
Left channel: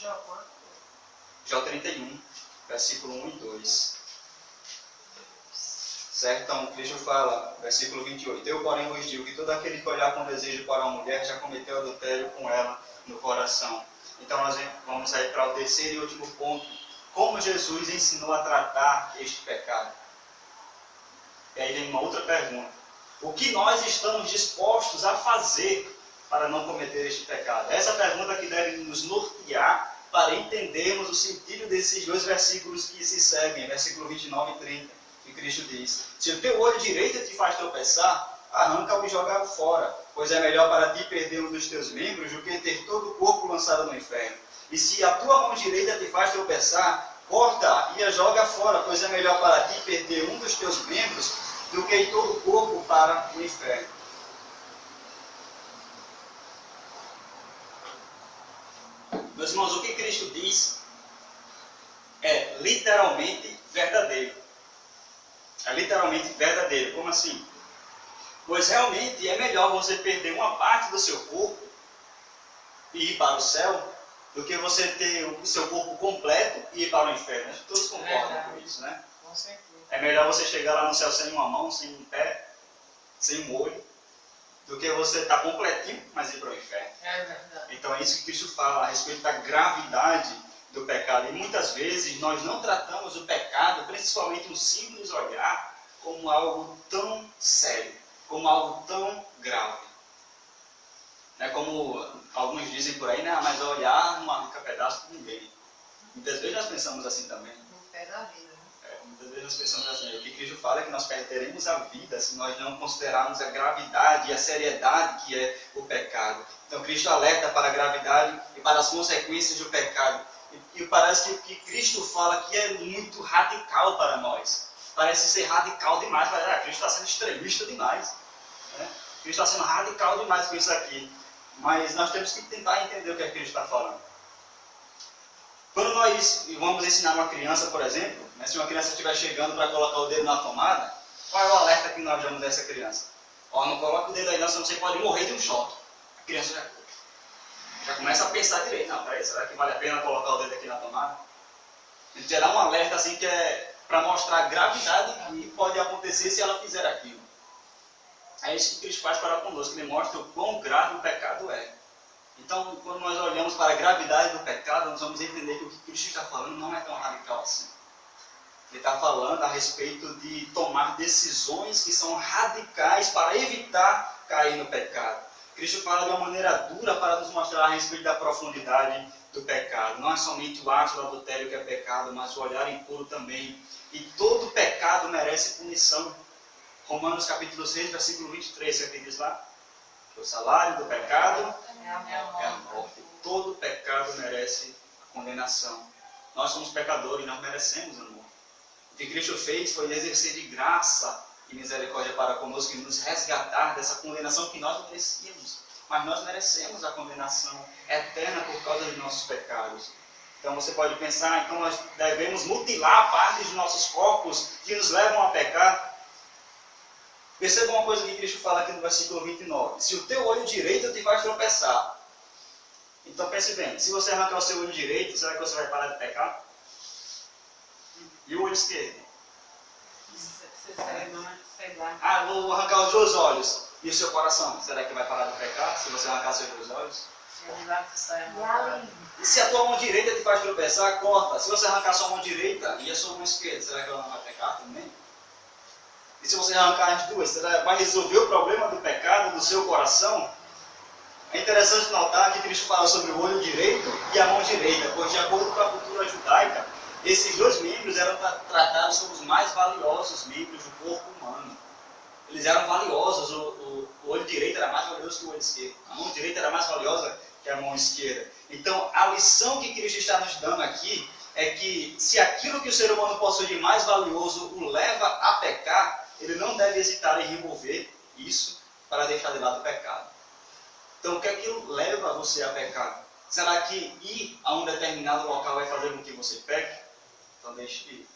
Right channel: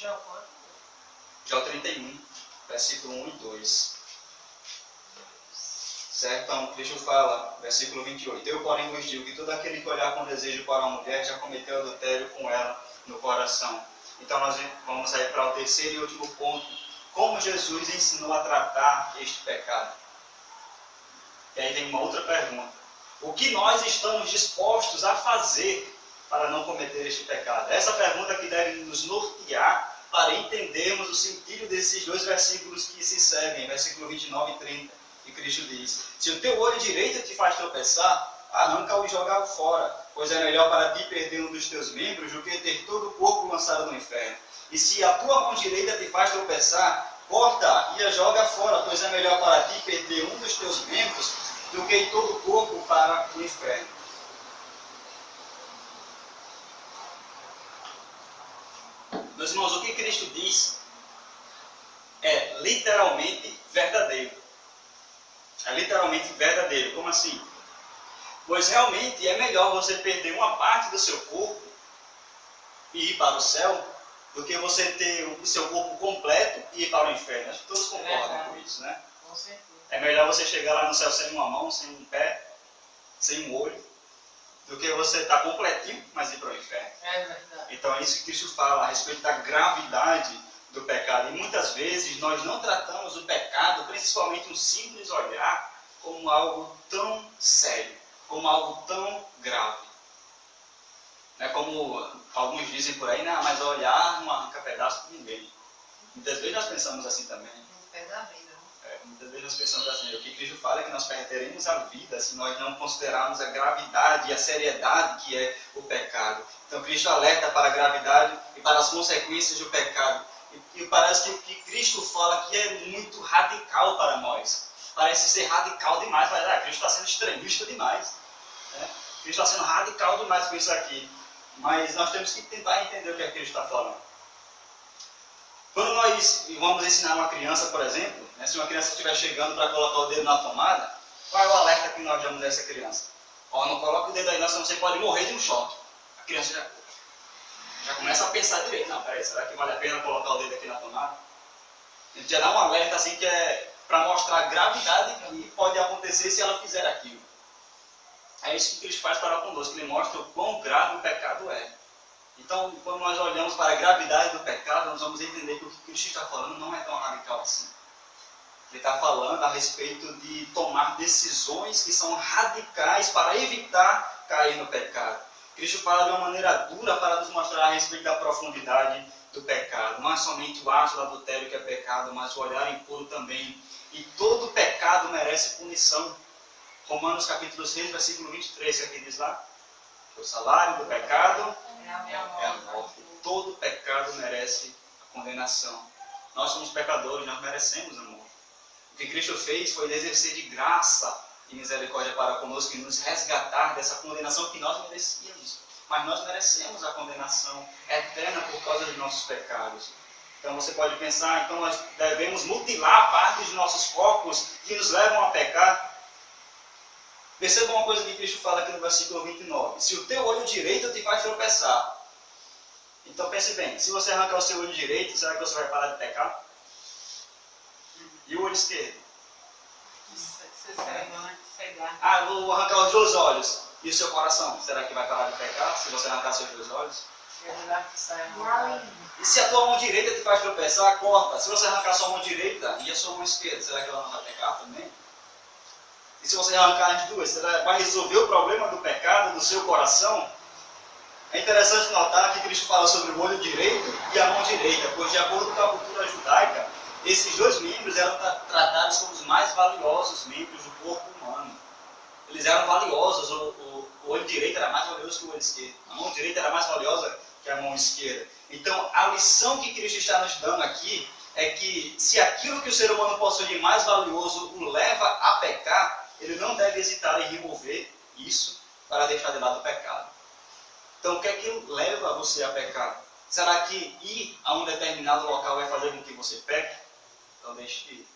Jó 31, versículo 1 e 2. Certo? Então, Cristo fala, versículo 28, eu, porém, vos digo que todo aquele que olhar com desejo para uma mulher já cometeu adultério com ela no coração. Então, nós vamos aí para o terceiro e último ponto. Como Jesus ensinou a tratar este pecado? E aí vem uma outra pergunta. O que nós estamos dispostos a fazer para não cometer este pecado? Essa pergunta que deve nos nortear para entendermos o sentido desses dois versículos que se seguem, versículo 29 e 30. Que Cristo diz, se o teu olho direito te faz tropeçar, arranca-o e joga-o fora, pois é melhor para ti perder um dos teus membros do que ter todo o corpo lançado no inferno. E se a tua mão direita te faz tropeçar, corta e a joga fora, pois é melhor para ti perder um dos teus membros do que ir todo o corpo para o inferno. Meus irmãos, o que Cristo diz é literalmente verdadeiro. É literalmente verdadeiro. Como assim? Pois realmente é melhor você perder uma parte do seu corpo e ir para o céu do que você ter o seu corpo completo e ir para o inferno. Acho que todos concordam com isso, né? Com certeza. É melhor você chegar lá no céu sem uma mão, sem um pé, sem um olho, do que você estar completinho, mas ir para o inferno. É verdade. Então é isso que Cristo fala a respeito da gravidade do pecado. E muitas vezes nós não tratamos o pecado, principalmente um simples olhar, como algo tão sério, como algo tão grave. Não é como alguns dizem por aí, né? Mas olhar não arranca pedaço de ninguém. Muitas vezes nós pensamos assim também. No pé da vida. Muitas vezes nós pensamos assim. O que Cristo fala é que nós perderemos a vida se nós não considerarmos a gravidade e a seriedade que é o pecado. Então Cristo alerta para a gravidade e para as consequências do pecado. E parece que Cristo fala que é muito radical para nós. Parece ser radical demais. Cristo está sendo extremista demais. Né? Cristo está sendo radical demais com isso aqui. Mas nós temos que tentar entender o que Cristo está falando. Quando nós vamos ensinar uma criança, por exemplo, né, se uma criança estiver chegando para colocar o dedo na tomada, qual é o alerta que nós damos a essa criança? Não coloque o dedo aí, senão você pode morrer de um choque. A criança já começa a pensar direito. Não, peraí, será que vale a pena colocar o dedo aqui na tomada? A gente já dá um alerta assim que é para mostrar a gravidade que pode acontecer se ela fizer aquilo. É isso que Cristo faz para conosco, ele mostra o quão grave o pecado é. Então, quando nós olhamos para a gravidade do pecado, nós vamos entender que o que Cristo está falando não é tão radical assim. Ele está falando a respeito de tomar decisões que são radicais para evitar cair no pecado. Cristo fala de uma maneira dura para nos mostrar a respeito da profundidade do pecado. Não é somente o ato do adultério que é pecado, mas o olhar impuro também. E todo pecado merece punição. Romanos capítulo 6, versículo 23, que diz lá? O salário do pecado é a morte. Todo pecado merece a condenação. Nós somos pecadores, nós merecemos a morte. O que Cristo fez foi exercer de graça e misericórdia para conosco e nos resgatar dessa condenação que nós merecíamos. Mas nós merecemos a condenação eterna por causa dos nossos pecados. Então você pode pensar, então nós devemos mutilar partes de nossos corpos que nos levam a pecar. Perceba uma coisa que Cristo fala aqui no versículo 29. Se o teu olho direito te faz tropeçar. Então pense bem, se você arrancar o seu olho direito, será que você vai parar de pecar? E o olho esquerdo? Você cego, né? Cegar. Vou arrancar os dois olhos. E o seu coração, será que vai parar de pecar se você arrancar seus dois olhos? E se a tua mão direita te faz tropeçar, corta. Se você arrancar sua mão direita e a sua mão esquerda, será que ela não vai pecar também? E se você arrancar as duas, será que vai resolver o problema do pecado do seu coração? É interessante notar que Cristo fala sobre o olho direito e a mão direita, pois de acordo com a cultura judaica, esses dois membros eram tratados como os mais valiosos membros do corpo humano. Eles eram valiosos, o olho direito era mais valioso que o olho esquerdo. A mão direita era mais valiosa que a mão esquerda. Então, a lição que Cristo está nos dando aqui é que se aquilo que o ser humano possui de mais valioso o leva a pecar, ele não deve hesitar em remover isso para deixar de lado o pecado. Então, o que é que leva você a pecar? Será que ir a um determinado local vai fazer com que você peque? Então, deixe de ir.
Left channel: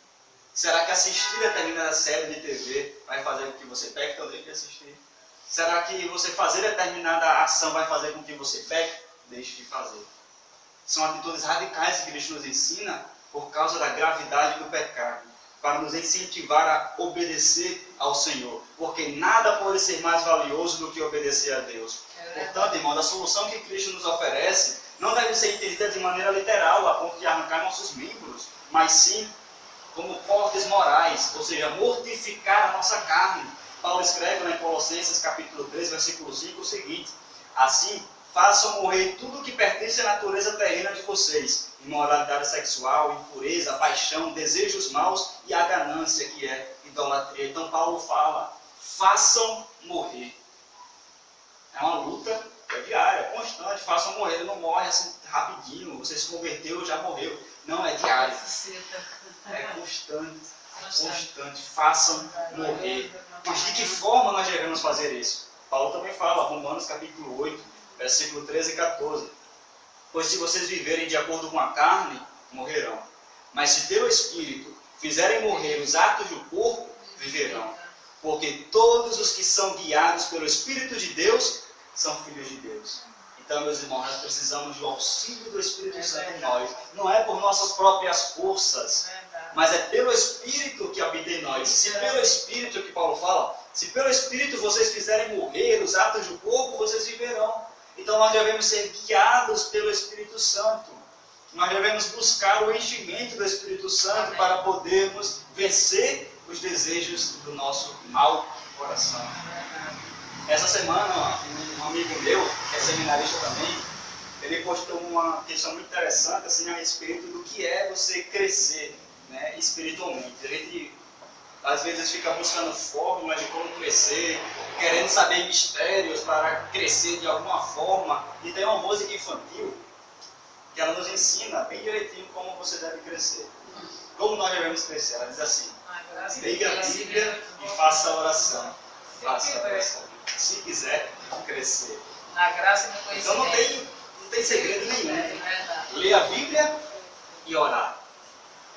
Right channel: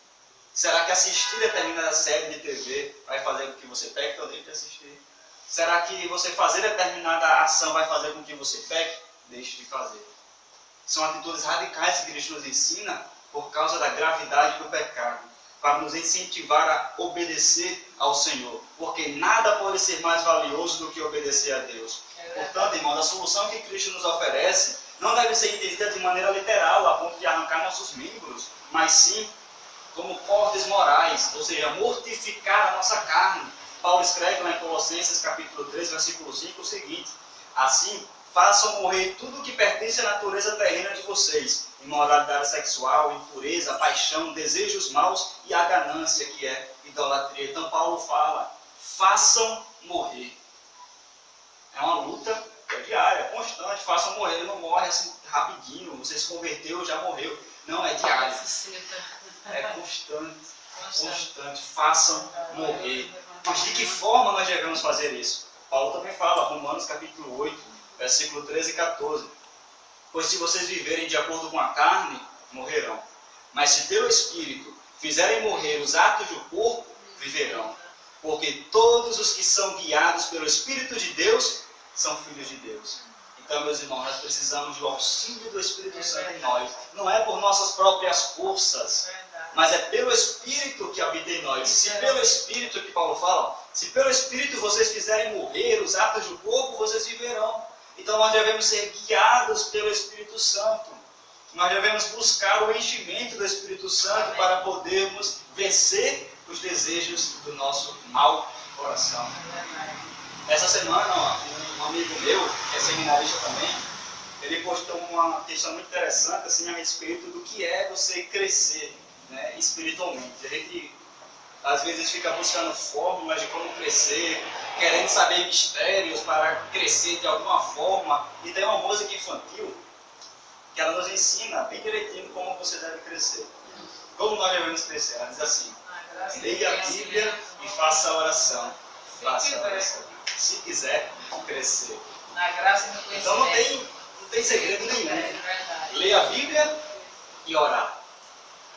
Será que assistir determinada série de TV vai fazer com que você peque? Então, deixe de assistir. Será que você fazer determinada ação vai fazer com que você peque? Deixe de fazer. São atitudes radicais que Cristo nos ensina por causa da gravidade do pecado, para nos incentivar a obedecer ao Senhor, porque nada pode ser mais valioso do que obedecer a Deus. Portanto, irmãos, a solução que Cristo nos oferece não deve ser entendida de maneira literal, a ponto de arrancar nossos membros, mas sim como cortes morais, ou seja, mortificar a nossa carne. Paulo escreve lá em Colossenses capítulo 3, versículo 5 o seguinte: assim, façam morrer tudo o que pertence à natureza terrena de vocês, imoralidade sexual, impureza, paixão, desejos maus e a ganância, que é idolatria. Então Paulo fala, façam morrer. É uma luta diária, constante, façam morrer. Ele não morre assim rapidinho, você se converteu, já morreu. Não, é diário. É constante, façam morrer. Mas de que forma nós devemos fazer isso? Paulo também fala, Romanos capítulo 8, versículo 13 e 14. Pois se vocês viverem de acordo com a carne, morrerão. Mas se pelo Espírito fizerem morrer os atos do corpo, viverão. Porque todos os que são guiados pelo Espírito de Deus são filhos de Deus. Então, meus irmãos, nós precisamos do auxílio do Espírito Santo em nós. Não é por nossas próprias forças, mas é pelo Espírito que habita em nós. Se pelo Espírito, que Paulo fala, se pelo Espírito vocês fizerem morrer os atos do corpo, vocês viverão. Então nós devemos ser guiados pelo Espírito Santo. Nós devemos buscar o enchimento do Espírito Santo para podermos vencer os desejos do nosso mau coração. Essa semana, um amigo meu, que é seminarista também, ele postou uma questão muito interessante assim, a respeito do que é você crescer, né, espiritualmente. A gente às vezes fica buscando fórmulas de como crescer, querendo saber mistérios para crescer de alguma forma. E tem uma música infantil que ela nos ensina bem direitinho como você deve crescer. Como nós devemos crescer? Ela diz assim: leia a Bíblia e faça a oração. Faça a oração. Se quiser crescer. Na graça e no conhecimento. Então não tem segredo nenhum. Leia a Bíblia e orar.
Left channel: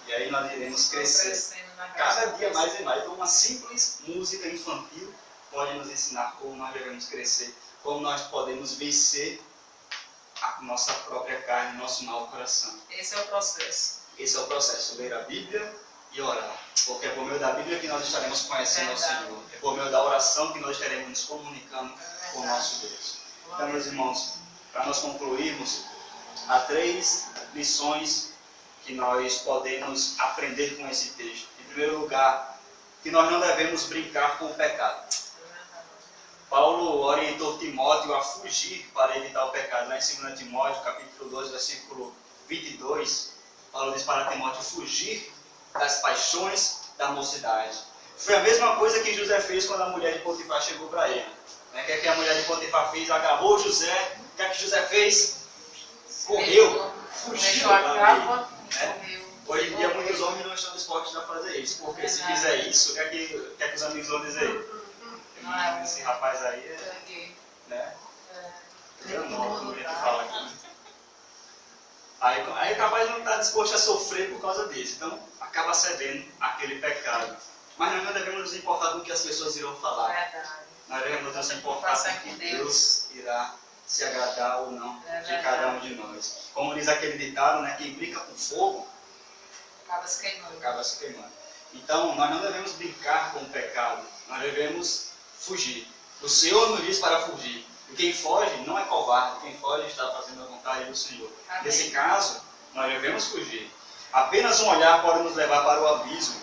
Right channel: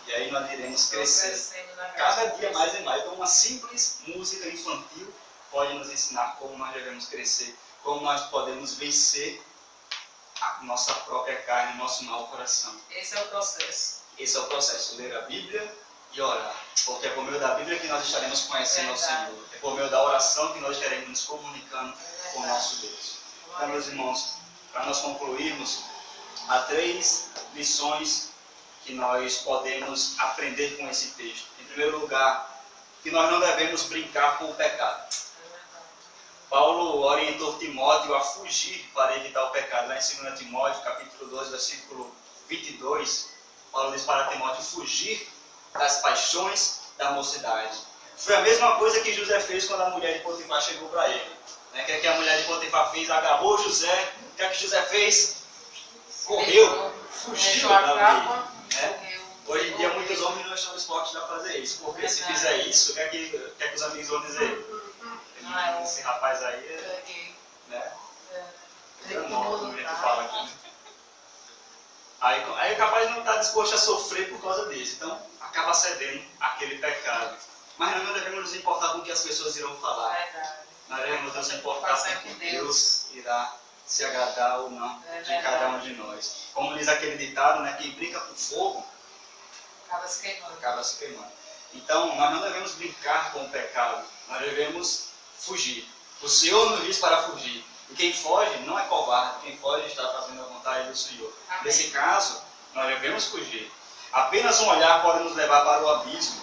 E aí nós iremos crescer cada dia mais e mais. Então uma simples música infantil pode nos ensinar como nós devemos crescer, como nós podemos vencer a nossa própria carne, nosso mau coração. Esse é o processo. Esse é o processo, ler a Bíblia e orar. Porque é por meio da Bíblia que nós estaremos conhecendo ao Senhor. É por meio da oração que nós estaremos nos comunicando com o nosso Deus. Então, meus irmãos, para nós concluirmos, há 3 lições que nós podemos aprender com esse texto. Em primeiro lugar, que nós não devemos brincar com o pecado. Paulo orientou Timóteo a fugir para evitar o pecado. Lá em 2 Timóteo, capítulo 2, versículo 22, Paulo diz para Timóteo fugir das paixões da mocidade. Foi a mesma coisa que José fez quando a mulher de Potifar chegou para ele. O que é que a mulher de Potifar fez? Agarrou José. O que é que José fez? Correu, fugiu da lei. Hoje em dia muitos homens não estão dispostos a fazer isso, porque se fizer isso, o que é que os amigos vão dizer? Esse rapaz aí é, né? Como a gente fala aqui. Aí o rapaz não está disposto a sofrer por causa disso, então acaba cedendo àquele pecado. Mas nós não devemos nos importar com o que as pessoas irão falar. Nós devemos nos importar com o que Deus irá se agradar ou não de cada um de nós. Como diz aquele ditado, né, quem brinca com fogo acaba se queimando. Então, nós não devemos brincar com o pecado, nós devemos fugir. O Senhor nos diz para fugir. E quem foge não é covarde, quem foge está fazendo a vontade do Senhor. Amém. Nesse caso, nós devemos fugir. Apenas um olhar pode nos levar para o abismo.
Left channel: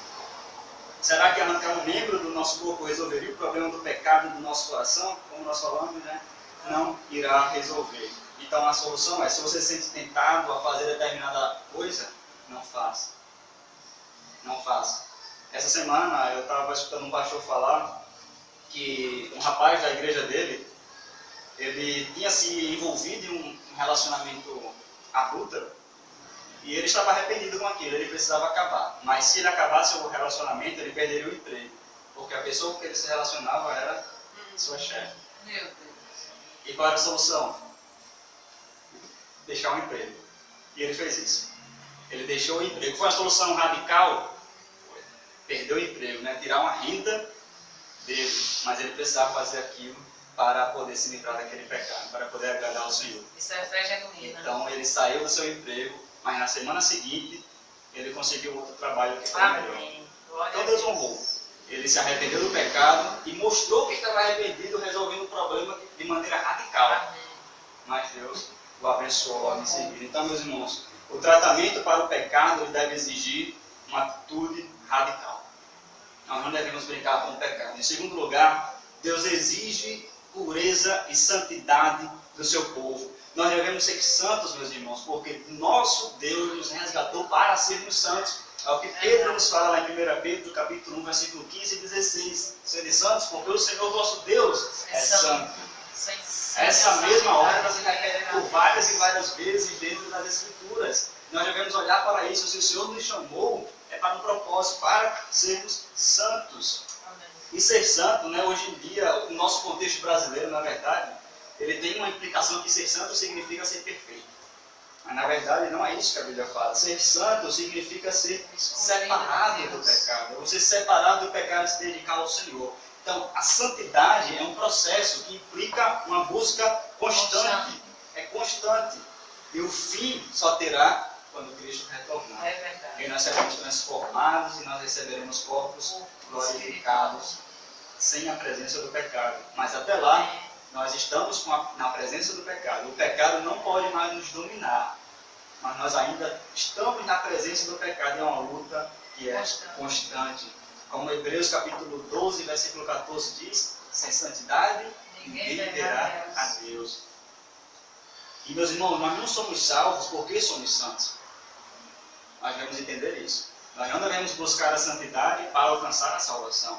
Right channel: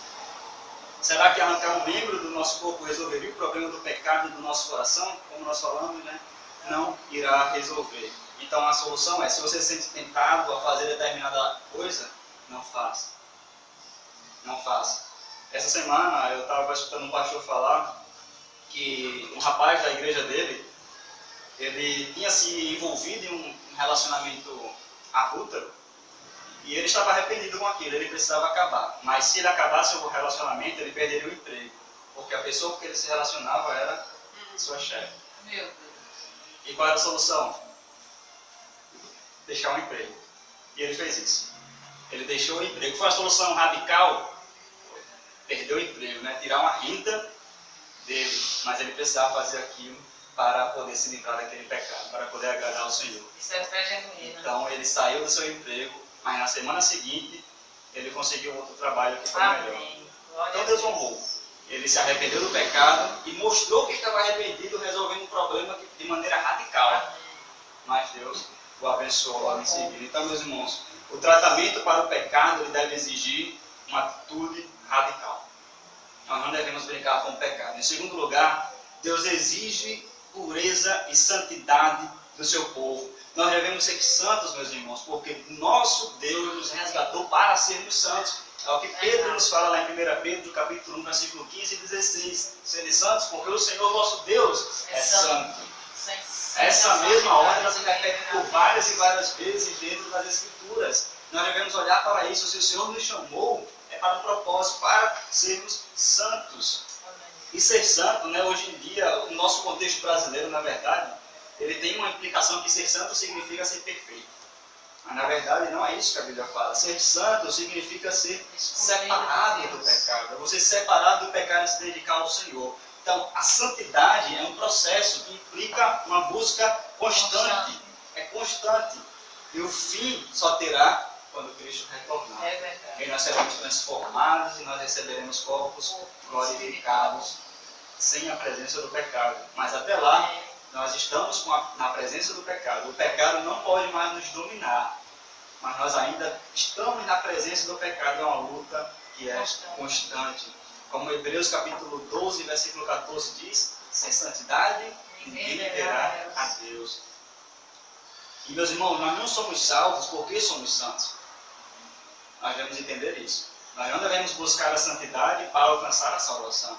Será que arrancar um membro do nosso corpo resolveria o problema do pecado do nosso coração? Como nós falamos, né? Não irá resolver. Então a solução é, se você se sente tentado a fazer determinada coisa, não faça. Não faça. Essa semana eu estava escutando um pastor falar que um rapaz da igreja dele, ele tinha se envolvido em um relacionamento adúltero e ele estava arrependido com aquilo, ele precisava acabar. Mas se ele acabasse o relacionamento, ele perderia o emprego, porque a pessoa com que ele se relacionava era sua chefe. Meu Deus. E qual era a solução? Deixar o emprego. E ele fez isso. Ele deixou o emprego. Foi uma solução radical? Perdeu o emprego, né? Tirar uma renda dele. Mas ele precisava fazer aquilo para poder se livrar daquele pecado, para poder agradar ao Senhor. Isso é fé genuína. Então ele saiu do seu emprego, mas na semana seguinte ele conseguiu outro trabalho que foi melhor. Amém. Glória Então a Deus honrou. Ele se arrependeu do pecado e mostrou que estava arrependido, resolvendo o problema de maneira radical. Amém. Mas Deus o abençoou logo em seguida. Então, meus irmãos, o tratamento para o pecado ele deve exigir uma atitude radical. Nós não devemos brincar com o pecado. Em segundo lugar, Deus exige pureza e santidade do seu povo. Nós devemos ser santos, meus irmãos, porque nosso Deus nos resgatou para sermos santos. É o que Pedro nos fala lá em 1 Pedro, capítulo 1, versículo 15 e 16. Sede santos, porque o Senhor vosso Deus é santo. Essa mesma ordem ela se repete por várias e várias vezes dentro das Escrituras. Nós devemos olhar para isso. Se o Senhor nos chamou, é para um propósito, para sermos santos. Amém. E ser santo, né, hoje em dia, o nosso contexto brasileiro, na verdade, ele tem uma implicação que ser santo significa ser perfeito. Mas na verdade não é isso que a Bíblia fala. Ser santo significa ser separado do pecado. É você separado do pecado e se dedicar ao Senhor. Então, a santidade é um processo que implica uma busca constante. É constante. E o fim só terá quando Cristo retornar. É verdade. E nós seremos transformados e nós receberemos corpos glorificados sem a presença do pecado. Mas até lá, nós estamos na presença do pecado. O pecado não pode mais nos dominar. Mas nós ainda estamos na presença do pecado. É uma luta que é constante. Como Hebreus capítulo 12, versículo 14 diz, sem santidade ninguém verá a Deus. E meus irmãos, nós não somos salvos porque somos santos. Nós devemos entender isso. Nós não devemos buscar a santidade para alcançar a salvação.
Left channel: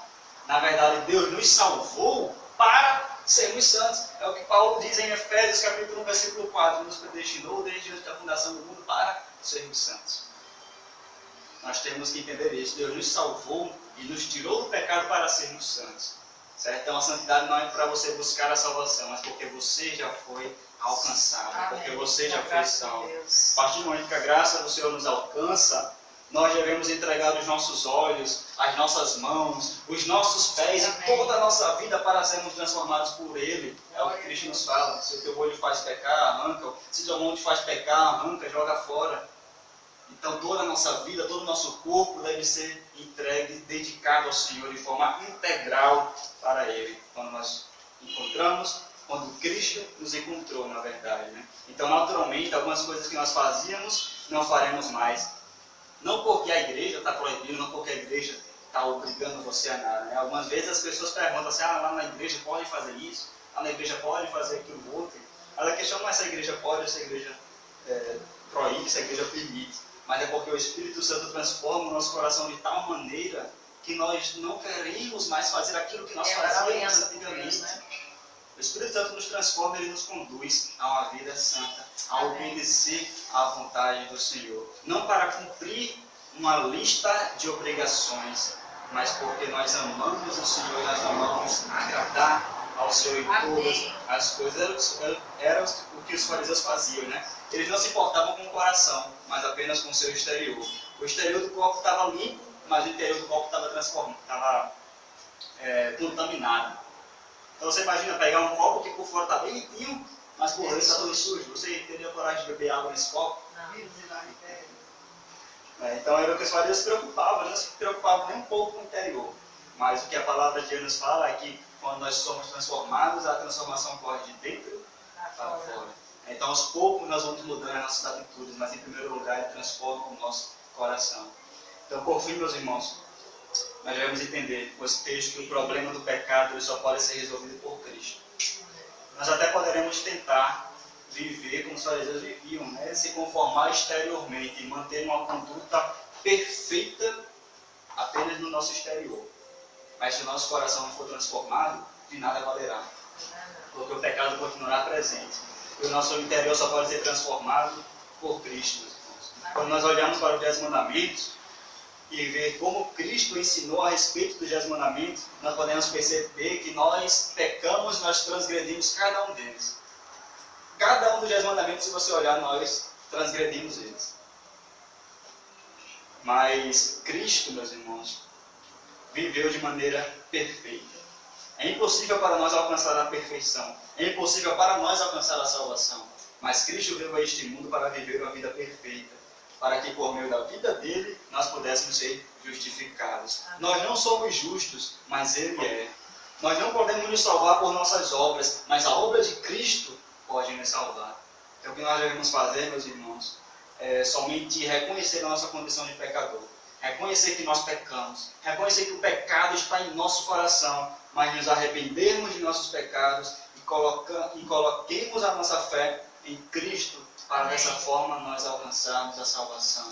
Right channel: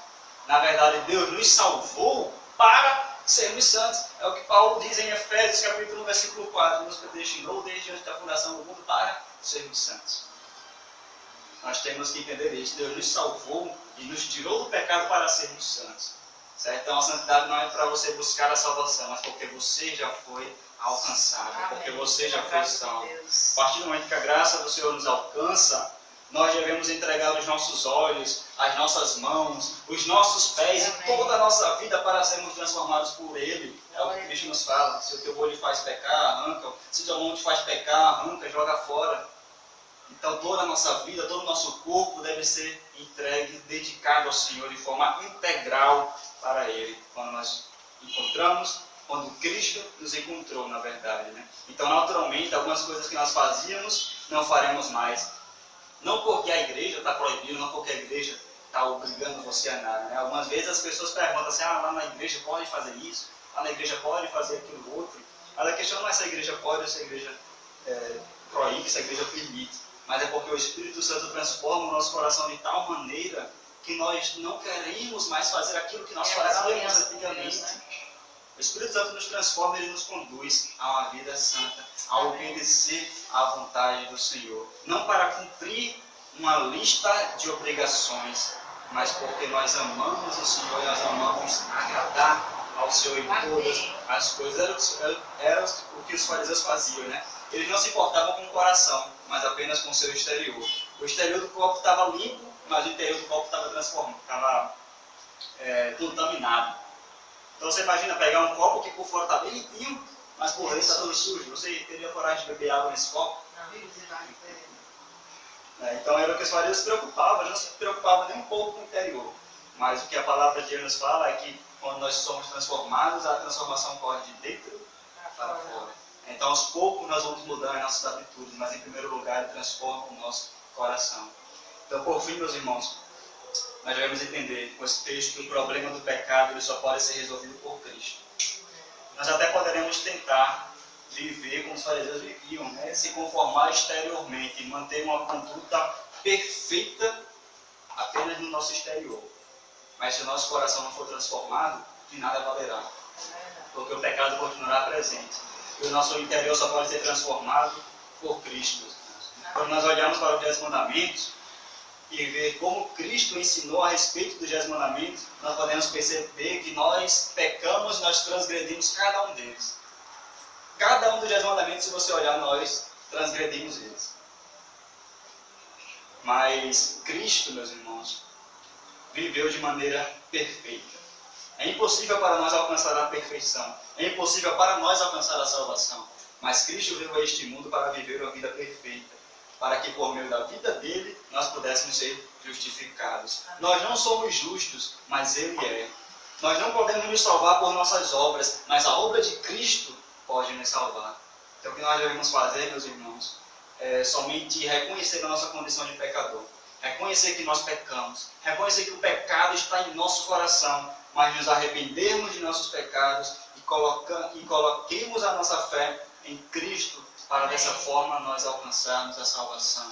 Na verdade, Deus nos salvou para sermos santos. É o que Paulo diz em Efésios capítulo 1, versículo 4. Nos predestinou desde antes da fundação do mundo para sermos santos. Nós temos que entender isso. Deus nos salvou e nos tirou do pecado para sermos santos. Certo? Então a santidade não é para você buscar a salvação, mas porque você já foi alcançado, Amém. porque você já foi salvo. Deus. A partir do momento que a graça do Senhor nos alcança, nós devemos entregar os nossos olhos, as nossas mãos, os nossos pés Amém. e toda a nossa vida para sermos transformados por Ele. É o que Cristo nos fala. Se o teu olho te faz pecar, arranca. Se tua mão te faz pecar, arranca, joga fora. Então toda a nossa vida, todo o nosso corpo deve ser entregue, dedicado ao Senhor de forma integral para Ele. Quando nós encontramos, quando Cristo nos encontrou, na verdade. Né? Então naturalmente, algumas coisas que nós fazíamos, não faremos mais. Não porque a igreja está proibindo, não porque a igreja está obrigando você a nada. Né? Algumas vezes as pessoas perguntam assim, lá na igreja pode fazer isso, lá na igreja pode fazer aquilo outro. Mas a questão não é se a igreja pode ou se a igreja proíbe, se a igreja permite. Mas é porque o Espírito Santo transforma o nosso coração de tal maneira que nós não queremos mais fazer aquilo que nós fazíamos antigamente. O Espírito Santo nos transforma, ele nos conduz a uma vida santa, a obedecer à vontade do Senhor. Não para cumprir uma lista de obrigações, mas porque nós amamos o Senhor e nós amamos agradar ao Senhor em todas as coisas. Era o que os fariseus faziam, né? Eles não se importavam com o coração, mas apenas com o seu exterior. O exterior do corpo estava limpo, mas o interior do corpo estava transformado, estava contaminado. Então você imagina pegar um copo que por fora está bem limpinho, mas por dentro está todo sujo. Você teria coragem de beber água nesse copo? Então era o que os fariseus se preocupavam, não se preocupavam nem um pouco com o interior. Mas o que a palavra de Deus nos fala é que quando nós somos transformados, a transformação corre de dentro para fora. Então, aos poucos, nós vamos mudando as nossas atitudes, mas, em primeiro lugar, Ele transforma o nosso coração. Então, por fim, meus irmãos, nós devemos entender com esse texto que o problema do pecado ele só pode ser resolvido por Cristo. Nós até poderemos tentar viver como os fariseus viviam, né? Se conformar exteriormente e manter uma conduta perfeita apenas no nosso exterior. Mas se o nosso coração não for transformado, de nada valerá. Porque o pecado continuará presente. E o nosso interior só pode ser transformado por Cristo. Quando nós olhamos para os 10 mandamentos e ver como Cristo ensinou a respeito dos 10 mandamentos, nós podemos perceber que nós pecamos, nós transgredimos cada um deles. Cada um dos 10 mandamentos, se você olhar, nós transgredimos eles. Mas Cristo, meus irmãos, viveu de maneira perfeita. É impossível para nós alcançar a perfeição. É impossível para nós alcançar a salvação. Mas Cristo veio a este mundo para viver uma vida perfeita. Para que por meio da vida dele, nós pudéssemos ser justificados. Nós não somos justos, mas Ele é. Nós não podemos nos salvar por nossas obras, mas a obra de Cristo pode nos salvar. Então o que nós devemos fazer, meus irmãos, é somente reconhecer a nossa condição de pecador. Reconhecer que nós pecamos. Reconhecer que o pecado está em nosso coração. Mas nos arrependermos de nossos pecados e coloquemos a nossa fé em Cristo para dessa forma nós alcançarmos a salvação.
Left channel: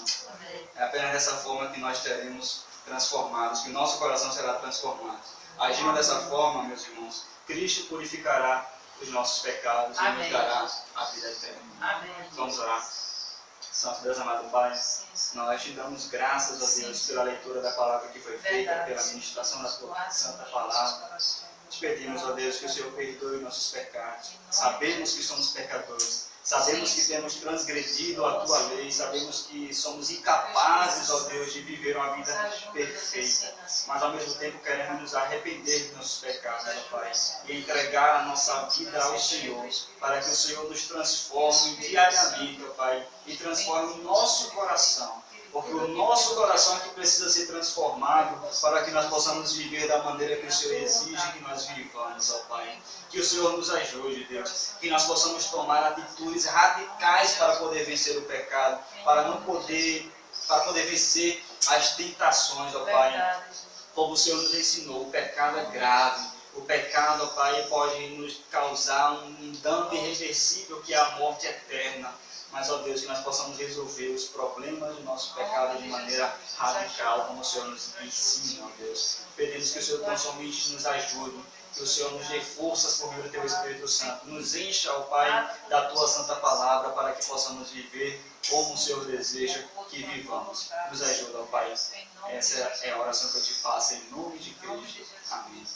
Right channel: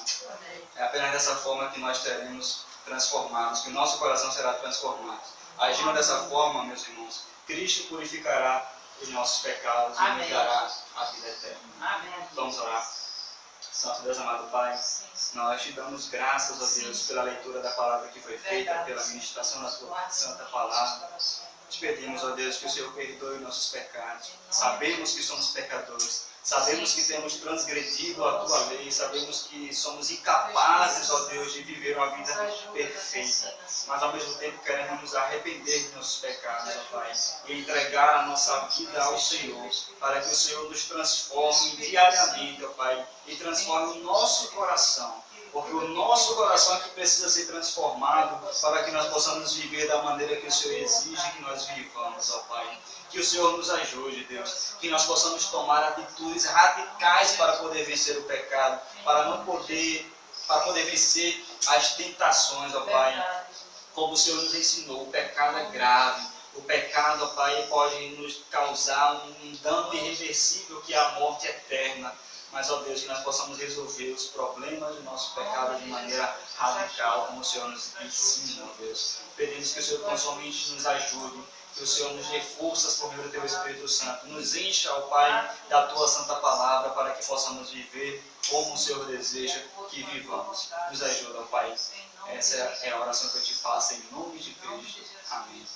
É apenas dessa forma que nós seremos transformados, que o nosso coração será transformado. Agindo dessa forma, meus irmãos, Cristo purificará os nossos pecados e nos dará a vida eterna. Amém. Vamos orar. Santo Deus amado Pai, nós te damos graças, ó Deus, pela leitura da palavra que foi feita, pela ministração da tua santa palavra. Te pedimos, ó Deus, que o Senhor perdoe nossos pecados. Sabemos que somos pecadores. Sabemos que temos transgredido a Tua lei, sabemos que somos incapazes, ó Deus, de viver uma vida perfeita. Mas ao mesmo tempo queremos nos arrepender de nossos pecados, ó Pai, e entregar a nossa vida ao Senhor, para que o Senhor nos transforme diariamente, ó Pai, e transforme o nosso coração. Porque o nosso coração é que precisa ser transformado para que nós possamos viver da maneira que o Senhor exige que nós vivamos, ó Pai. Que o Senhor nos ajude, Deus. Que nós possamos tomar atitudes radicais para poder vencer o pecado, para poder vencer as tentações, ó Pai. Como o Senhor nos ensinou, o pecado é grave. O pecado, ó Pai, pode nos causar um dano irreversível que é a morte eterna. Mas, ó Deus, que nós possamos resolver os problemas do nosso pecado de maneira radical, como o Senhor nos ensina, ó Deus. Pedimos que o Senhor tão somente nos ajude, que o Senhor nos dê forças por meio do Teu Espírito Santo. Nos encha, ó Pai, da Tua Santa Palavra, para que possamos viver como o Senhor deseja que vivamos. Nos ajuda, ó Pai. Essa é a oração que eu te faço em nome de Cristo. Amém.